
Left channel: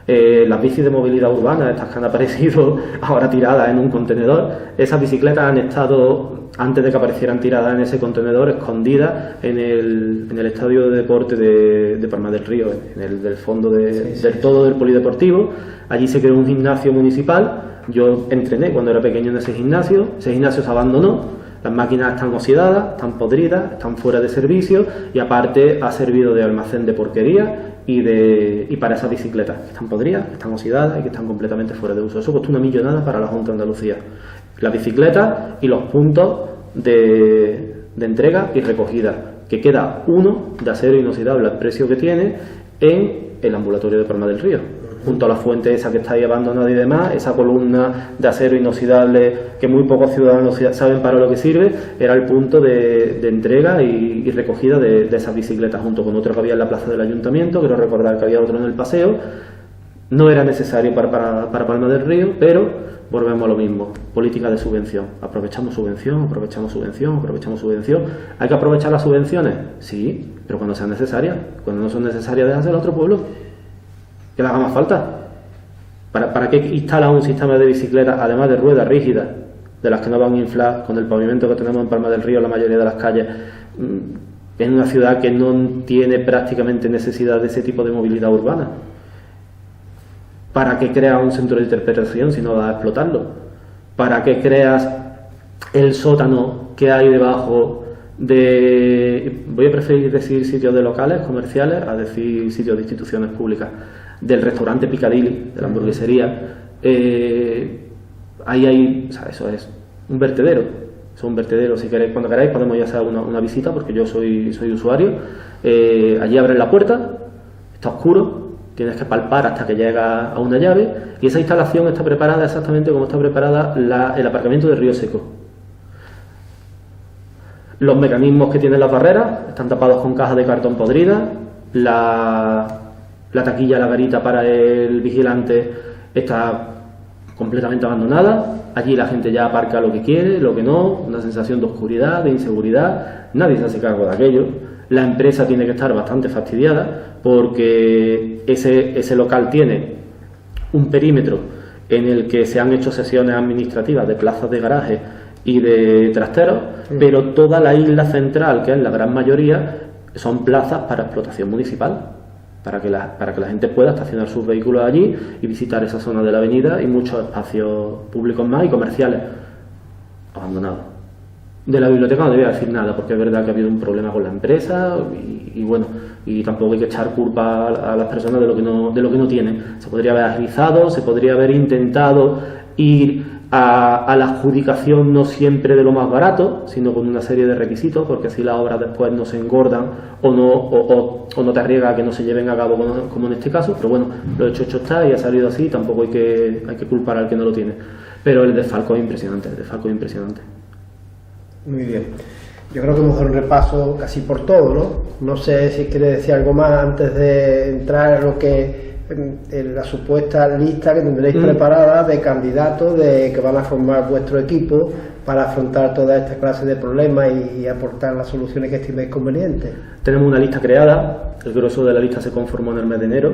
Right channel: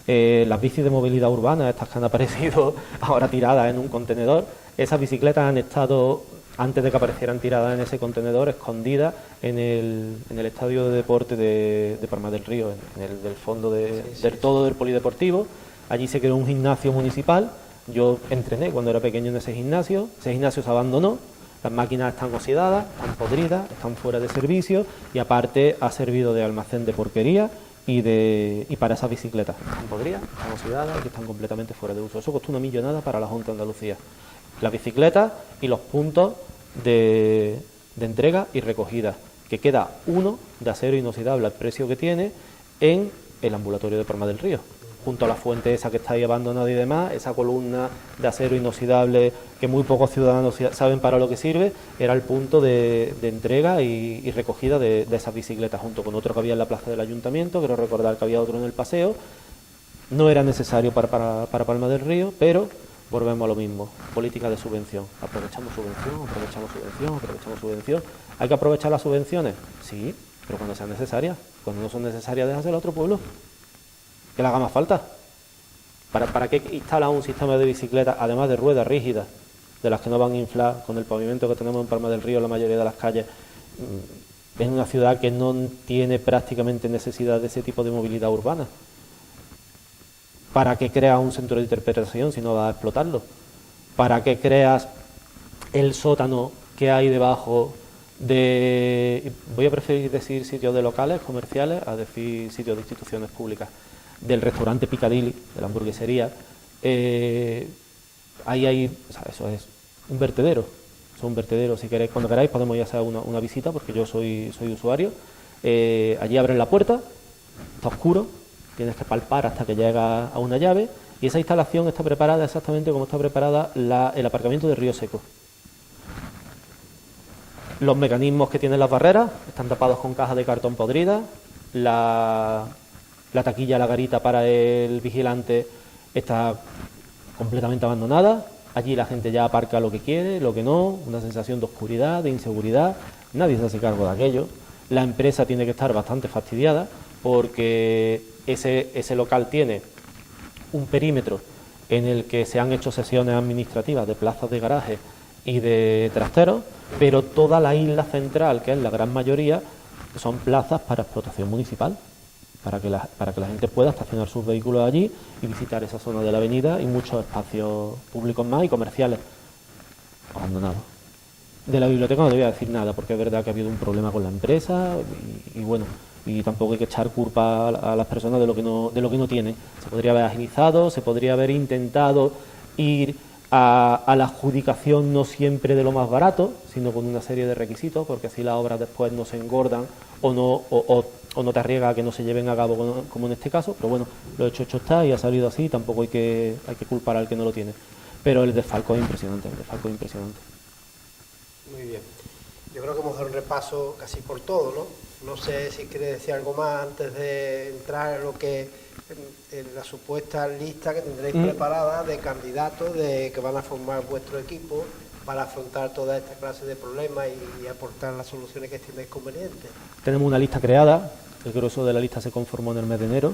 Las bicis de movilidad urbana, estas que han aparecido ahora tiradas en un contenedor, esas bicicletas han estado, antes de que aparecieran tiradas en ese contenedor, escondidas en el estadio de deporte de Palma del Río, en el del fondo del todo del polideportivo. Allí se creó un gimnasio municipal. Yo entrené cuando era pequeño en ese gimnasio se abandonó. Las máquinas están oxidadas, están podridas, están fuera de servicio y aparte ha servido de almacén de porquería y para esas bicicletas. Están podridas, están oxidadas y que están completamente fuera de uso. Eso costó una millonada para la Junta de Andalucía. Las bicicletas y los puntos de entrega y recogida, que queda uno de acero inoxidable al precio que tiene en el ambulatorio de Palma del Río. Junto a la fuente esa que está ahí abandonada y demás, esa columna de acero inoxidable que muy pocos ciudadanos saben para lo que sirve, era el punto de entrega y recogida de esas bicicletas, junto con otro que había en la plaza del ayuntamiento. Quiero recordar que había otro en el paseo. No era necesario para Palma del Río, pero volvemos a lo mismo, política de subvención. Aprovechamos subvención. ¿Hay que aprovechar las subvenciones? Sí, pero cuando sean necesarias. Cuando no son necesarias, déjasela a otro pueblo, que le haga más falta. ¿Para qué instalan un sistema de bicicletas, además de ruedas rígidas, de las que no van a inflar, con el pavimento que tenemos en Palma del Río, la mayoría de las calles, en una ciudad que no tiene prácticamente necesidad de ese tipo de movilidad urbana? ¿Para qué creas un centro de interpretación si no vas a explotarlo? ¿Para qué creas el sótano que hay debajo de... Voy a preferir decir sitios de locales comerciales a decir sitios de instituciones públicas, del restaurante Piccadilly, de la hamburguesería? Ahí hay... O sea, eso es un vertedero. Es un vertedero. Si queréis, cuando queráis podemos ya hacer una visita, porque yo soy usuario. Allí abren la puerta, está oscuro, tienes que palpar hasta que llega a una llave, y esa instalación está preparada exactamente como está preparada el aparcamiento de Río Seco. Los mecanismos que tienen las barreras están tapados con cajas de cartón podrida, la taquilla, la garita para el vigilante está completamente abandonada. Allí la gente ya aparca lo que quiere, lo que no, una sensación de oscuridad, de inseguridad, nadie se hace cargo de aquello. La empresa tiene que estar bastante fastidiada porque ese local tiene un perímetro en el que se han hecho sesiones administrativas de plazas de garaje y de trasteros, pero toda la isla central, que es la gran mayoría, son plazas para explotación municipal, para que la gente pueda estacionar sus vehículos allí y visitar esa zona de la avenida, y muchos espacios públicos más y comerciales abandonados. De la biblioteca no debía decir nada, porque es verdad que ha habido un problema con la empresa y bueno, y tampoco hay que echar culpa a las personas de lo que no tienen. Se podría haber agilizado, se podría haber intentado ir a la adjudicación no siempre de lo más barato, sino con una serie de requisitos, porque así las obras después no se engordan o no te arriesga a que no se lleven a cabo como en este caso. Pero bueno, lo hecho está y ha salido así, tampoco hay que culpar al que no lo tiene. Pero el desfalco es impresionante, Muy bien. Yo creo que hemos dado un repaso casi por todo, ¿no? No sé si quiere decir algo más antes de entrar en lo que en la supuesta lista que tendréis preparada de candidatos que van a formar vuestro equipo para afrontar toda esta clase de problemas y aportar las soluciones que estiméis convenientes. Tenemos una lista creada, el grueso de la lista se conformó en el mes de enero.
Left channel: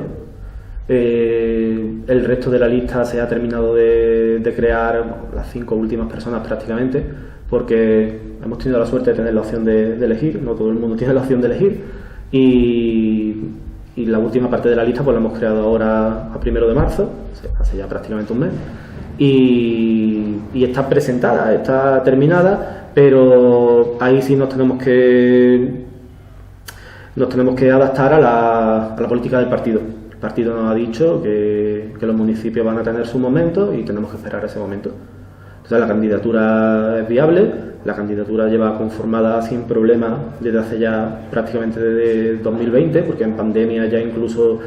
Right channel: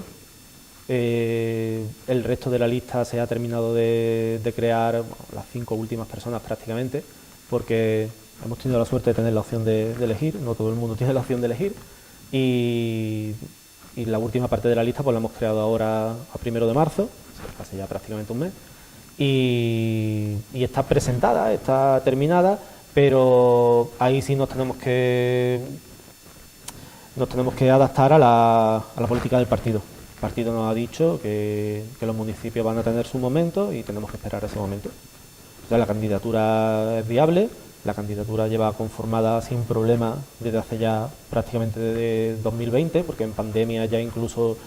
El resto de la lista se ha terminado de crear, las 5 últimas personas prácticamente, porque hemos tenido la suerte de tener la opción de elegir, no todo el mundo tiene la opción de elegir, y la última parte de la lista pues la hemos creado ahora a 1 de marzo, hace ya prácticamente un mes, y está presentada, está terminada, pero ahí sí nos tenemos que adaptar a la política del partido. El partido nos ha dicho que los municipios van a tener su momento y tenemos que esperar ese momento. O sea, la candidatura es viable, la candidatura lleva conformada sin problema desde hace ya prácticamente desde 2020, porque en pandemia ya incluso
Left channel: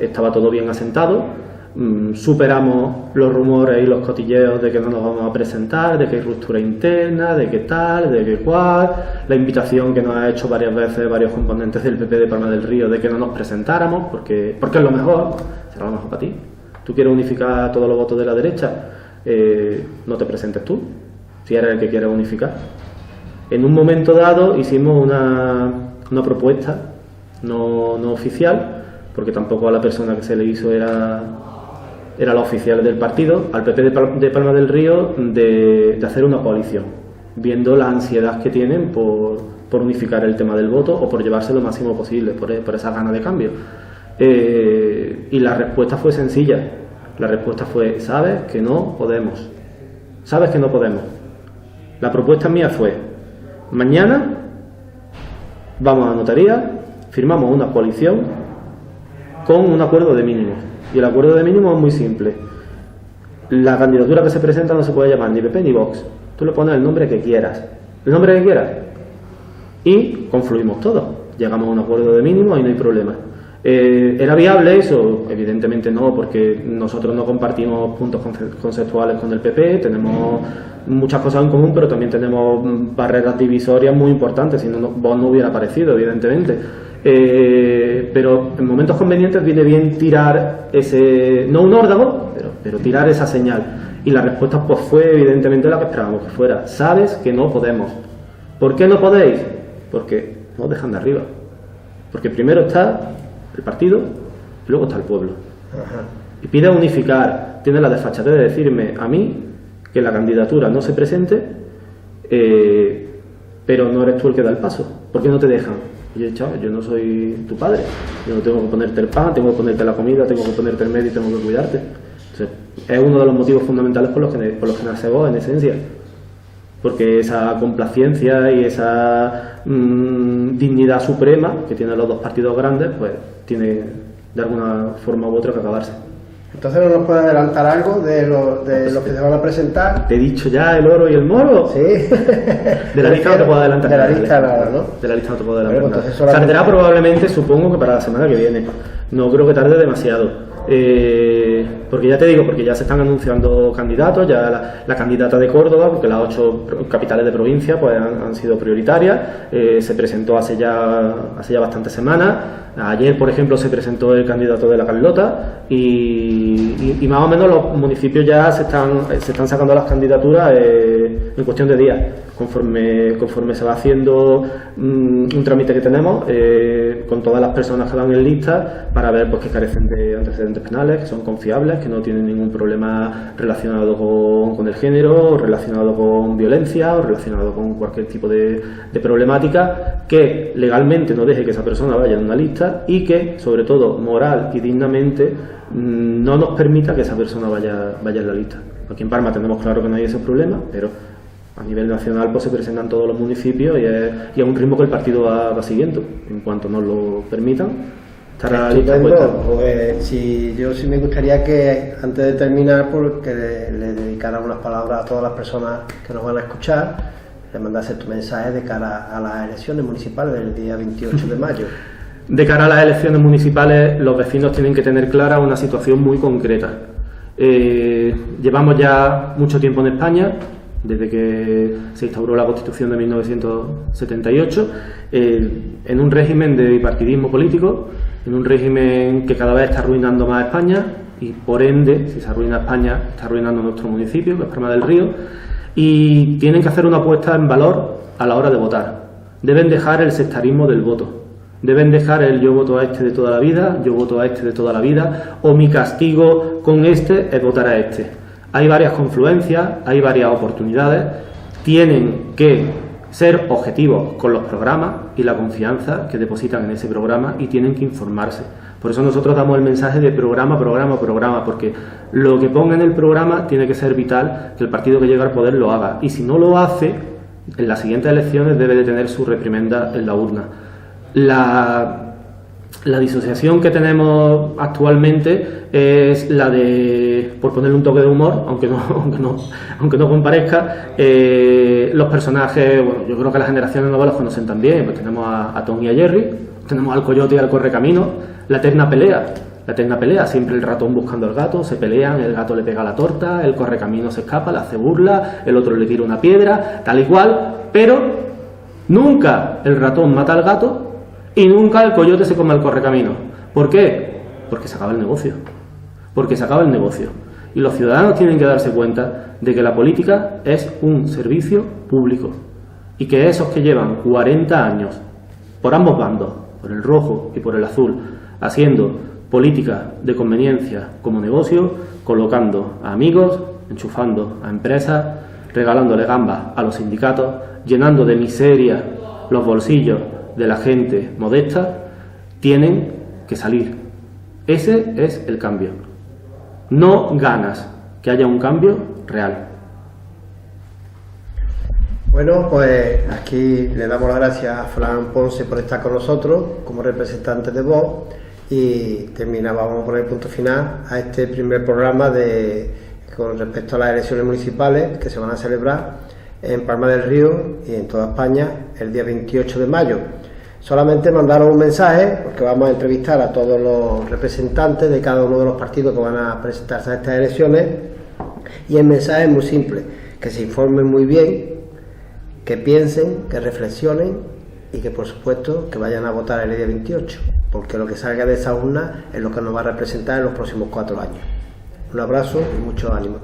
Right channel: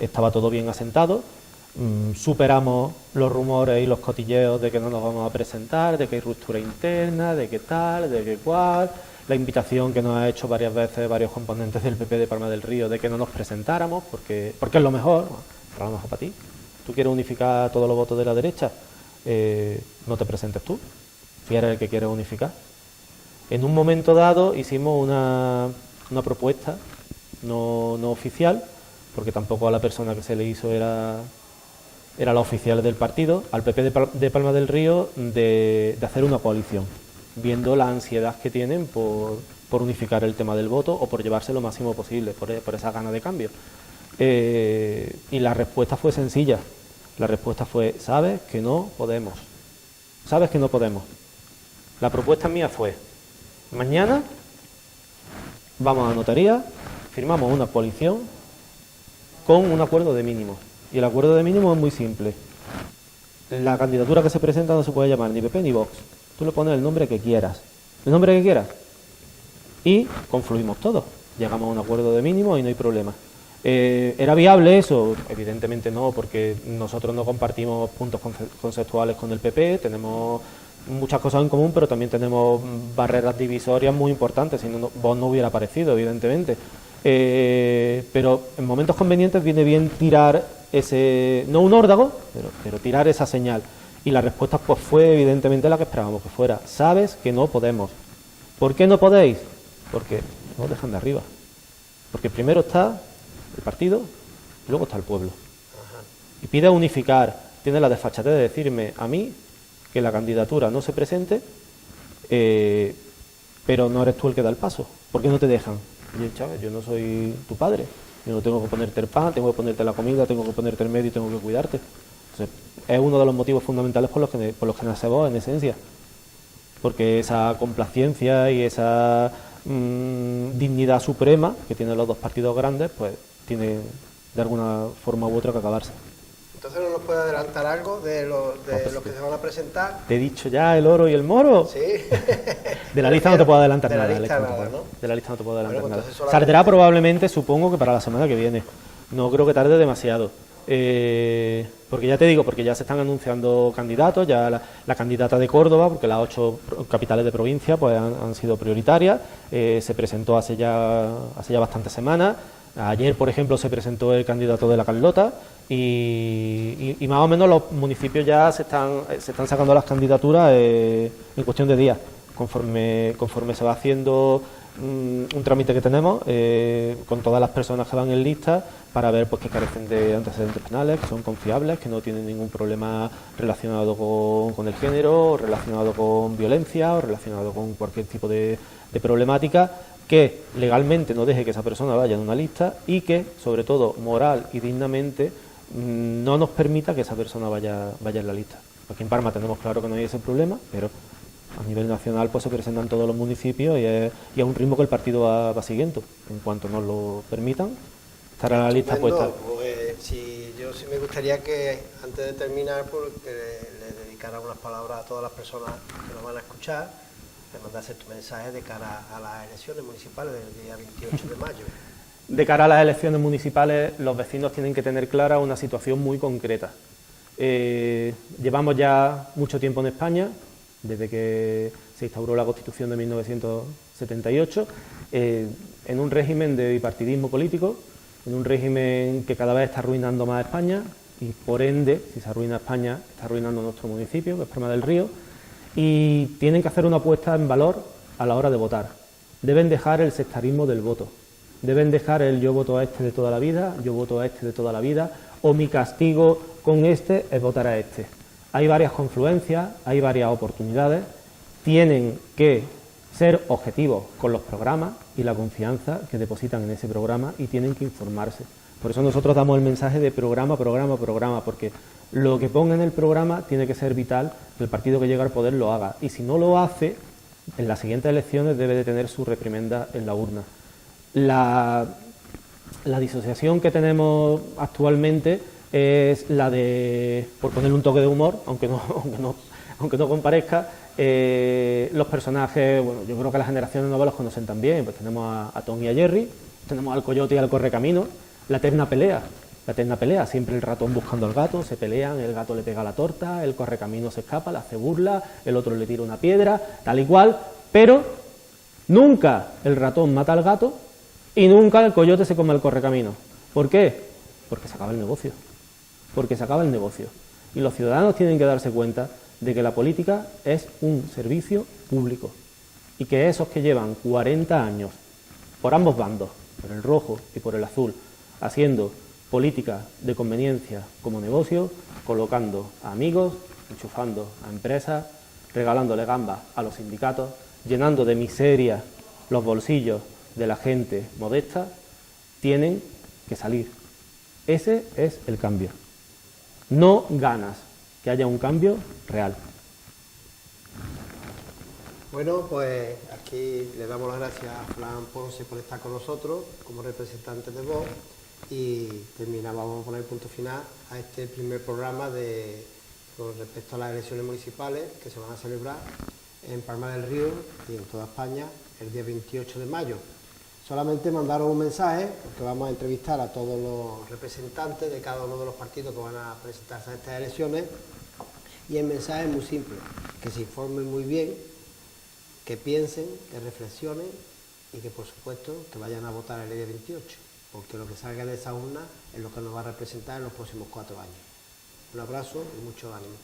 estaba todo bien asentado. Superamos los rumores y los cotilleos de que no nos vamos a presentar, de que hay ruptura interna, de que tal, de que cual, la invitación que nos ha hecho varias veces varios componentes del PP de Palma del Río de que no nos presentáramos, porque es lo mejor, será lo mejor para ti. ¿Tú quieres unificar a todos los votos de la derecha? No te presentes tú, si eres el que quiere unificar. En un momento dado hicimos una propuesta no oficial, porque tampoco a la persona que se le hizo era la oficial del partido, al PP de Palma del Río, de hacer una coalición, viendo la ansiedad que tienen por unificar el tema del voto o por llevarse lo máximo posible, por esa gana de cambio. Y la respuesta fue sencilla. La respuesta fue: sabes que no podemos. Sabes que no podemos. La propuesta mía fue: mañana vamos a notaría, firmamos una coalición con un acuerdo de mínimo. Y el acuerdo de mínimo es muy simple. La candidatura que se presenta no se puede llamar ni PP ni Vox. Tú le pones el nombre que quieras. El nombre que quieras. Y confluimos todos. Llegamos a un acuerdo de mínimo y no hay problema. ¿Era viable eso? Evidentemente no, porque nosotros no compartimos puntos conceptuales con el PP, tenemos muchas cosas en común, pero también tenemos barreras divisorias muy importantes, si no, Vox no hubiera aparecido, evidentemente. Pero en momentos convenientes viene bien tirar ese, no un órdago, pero tirar esa señal. Y la respuesta pues fue evidentemente la que esperábamos que fuera: sabes que no podemos. ¿Por qué no podéis? Porque nos dejan de arriba. Porque primero está el partido y luego está el pueblo. Ajá. Y pide unificar, tiene la desfachatez de decirme a mí que la candidatura no se presente, pero no eres tú el que da el paso. ¿Por qué no te dejan? Y yo, chaval, yo no soy tu padre, yo no tengo que ponerte el pan, tengo que ponerte la comida, tengo que ponerte el medio y tengo que cuidarte. Entonces, es uno de los motivos fundamentales por los que nace Vox, en esencia. Porque esa complacencia y esa dignidad suprema que tienen los dos partidos grandes, pues tiene de alguna forma u otra que acabarse. Entonces, ¿no nos puede adelantar algo de los que se van a presentar? Te he dicho ya el oro y el moro. Sí. De la lista no te puedo adelantar nada. De la lista nada, ¿no? De la lista no te puedo adelantar Bueno, nada. solamente... Saldrá probablemente, supongo que para la semana que viene. No creo que tarde demasiado. Porque ya te digo, porque ya se están anunciando candidatos, ya la candidata de Córdoba, porque las 8 capitales de provincia pues han sido prioritarias, se presentó hace ya bastantes semanas. Ayer, por ejemplo, se presentó el candidato de la Carlota y más o menos los municipios ya se están sacando las candidaturas en cuestión de días. Conforme se va haciendo un trámite que tenemos con todas las personas que van en lista para ver pues que carecen de antecedentes penales, que son confiables, que no tienen ningún problema relacionado con el género, relacionado con violencia o relacionado con cualquier tipo de problemática que legalmente no deje que esa persona vaya en una lista y que, sobre todo, moral y dignamente no nos permita que esa persona vaya en la lista. Aquí en Parma tenemos claro que no hay esos problemas, pero a nivel nacional pues se presentan todos los municipios y a un ritmo que el partido va siguiendo. En cuanto nos lo permitan, estará la lista puesta. Pues yo sí me gustaría que antes de terminar porque le dedicara unas palabras a todas las personas que nos van a escuchar, le mandase tu mensaje de cara a las elecciones municipales del día 28 de mayo. De cara a las elecciones municipales, los vecinos tienen que tener clara una situación muy concreta. Llevamos ya mucho tiempo en España, desde que se instauró la Constitución de 1978, en un régimen de bipartidismo político, en un régimen que cada vez está arruinando más a España y, por ende, si se arruina España, está arruinando nuestro municipio, que es Palma del Río, y tienen que hacer una apuesta en valor a la hora de votar. Deben dejar el sectarismo del voto. Deben dejar el yo voto a este de toda la vida, yo voto a este de toda la vida, o mi castigo con este es votar a este. Hay varias confluencias, hay varias oportunidades, tienen que ser objetivos con los programas y la confianza que depositan en ese programa y tienen que informarse. Por eso nosotros damos el mensaje de programa, porque lo que ponga en el programa tiene que ser vital, que el partido que llega al poder lo haga. Y si no lo hace, en las siguientes elecciones debe de tener su reprimenda en la urna. La disociación que tenemos actualmente es la de, por ponerle un toque de humor, aunque no comparezca, los personajes, bueno, yo creo que las generaciones nuevas los conocen también, pues tenemos a Tom y a Jerry, tenemos al Coyote y al Correcamino, la eterna pelea, siempre el ratón buscando al gato, se pelean, el gato le pega la torta, el Correcamino se escapa, le hace burla, el otro le tira una piedra, tal y cual, pero nunca el ratón mata al gato y nunca el coyote se come al Correcamino. ¿Por qué? Porque se acaba el negocio. Y los ciudadanos tienen que darse cuenta de que la política es un servicio público y que esos que llevan 40 años por ambos bandos, por el rojo y por el azul, haciendo política de conveniencia como negocio, colocando a amigos, enchufando a empresas, regalándole gambas a los sindicatos, llenando de miseria los bolsillos de la gente modesta, tienen que salir. Ese es el cambio. No ganas que haya un cambio real. Bueno, pues aquí le damos las gracias a Fran Ponce por estar con nosotros como representante de Vox y vamos a poner punto final a este primer programa con respecto a las elecciones municipales que se van a celebrar en Palma del Río y en toda España el día 28 de mayo. Solamente mandaros un mensaje porque vamos a entrevistar a todos los representantes de cada uno de los partidos que van a presentarse a estas elecciones y el mensaje es muy simple, que se informen muy bien, que piensen, que reflexionen y que por supuesto que vayan a votar el día 28, porque lo que salga de esa urna es lo que nos va a representar en los próximos 4 años. Un abrazo y mucho ánimo.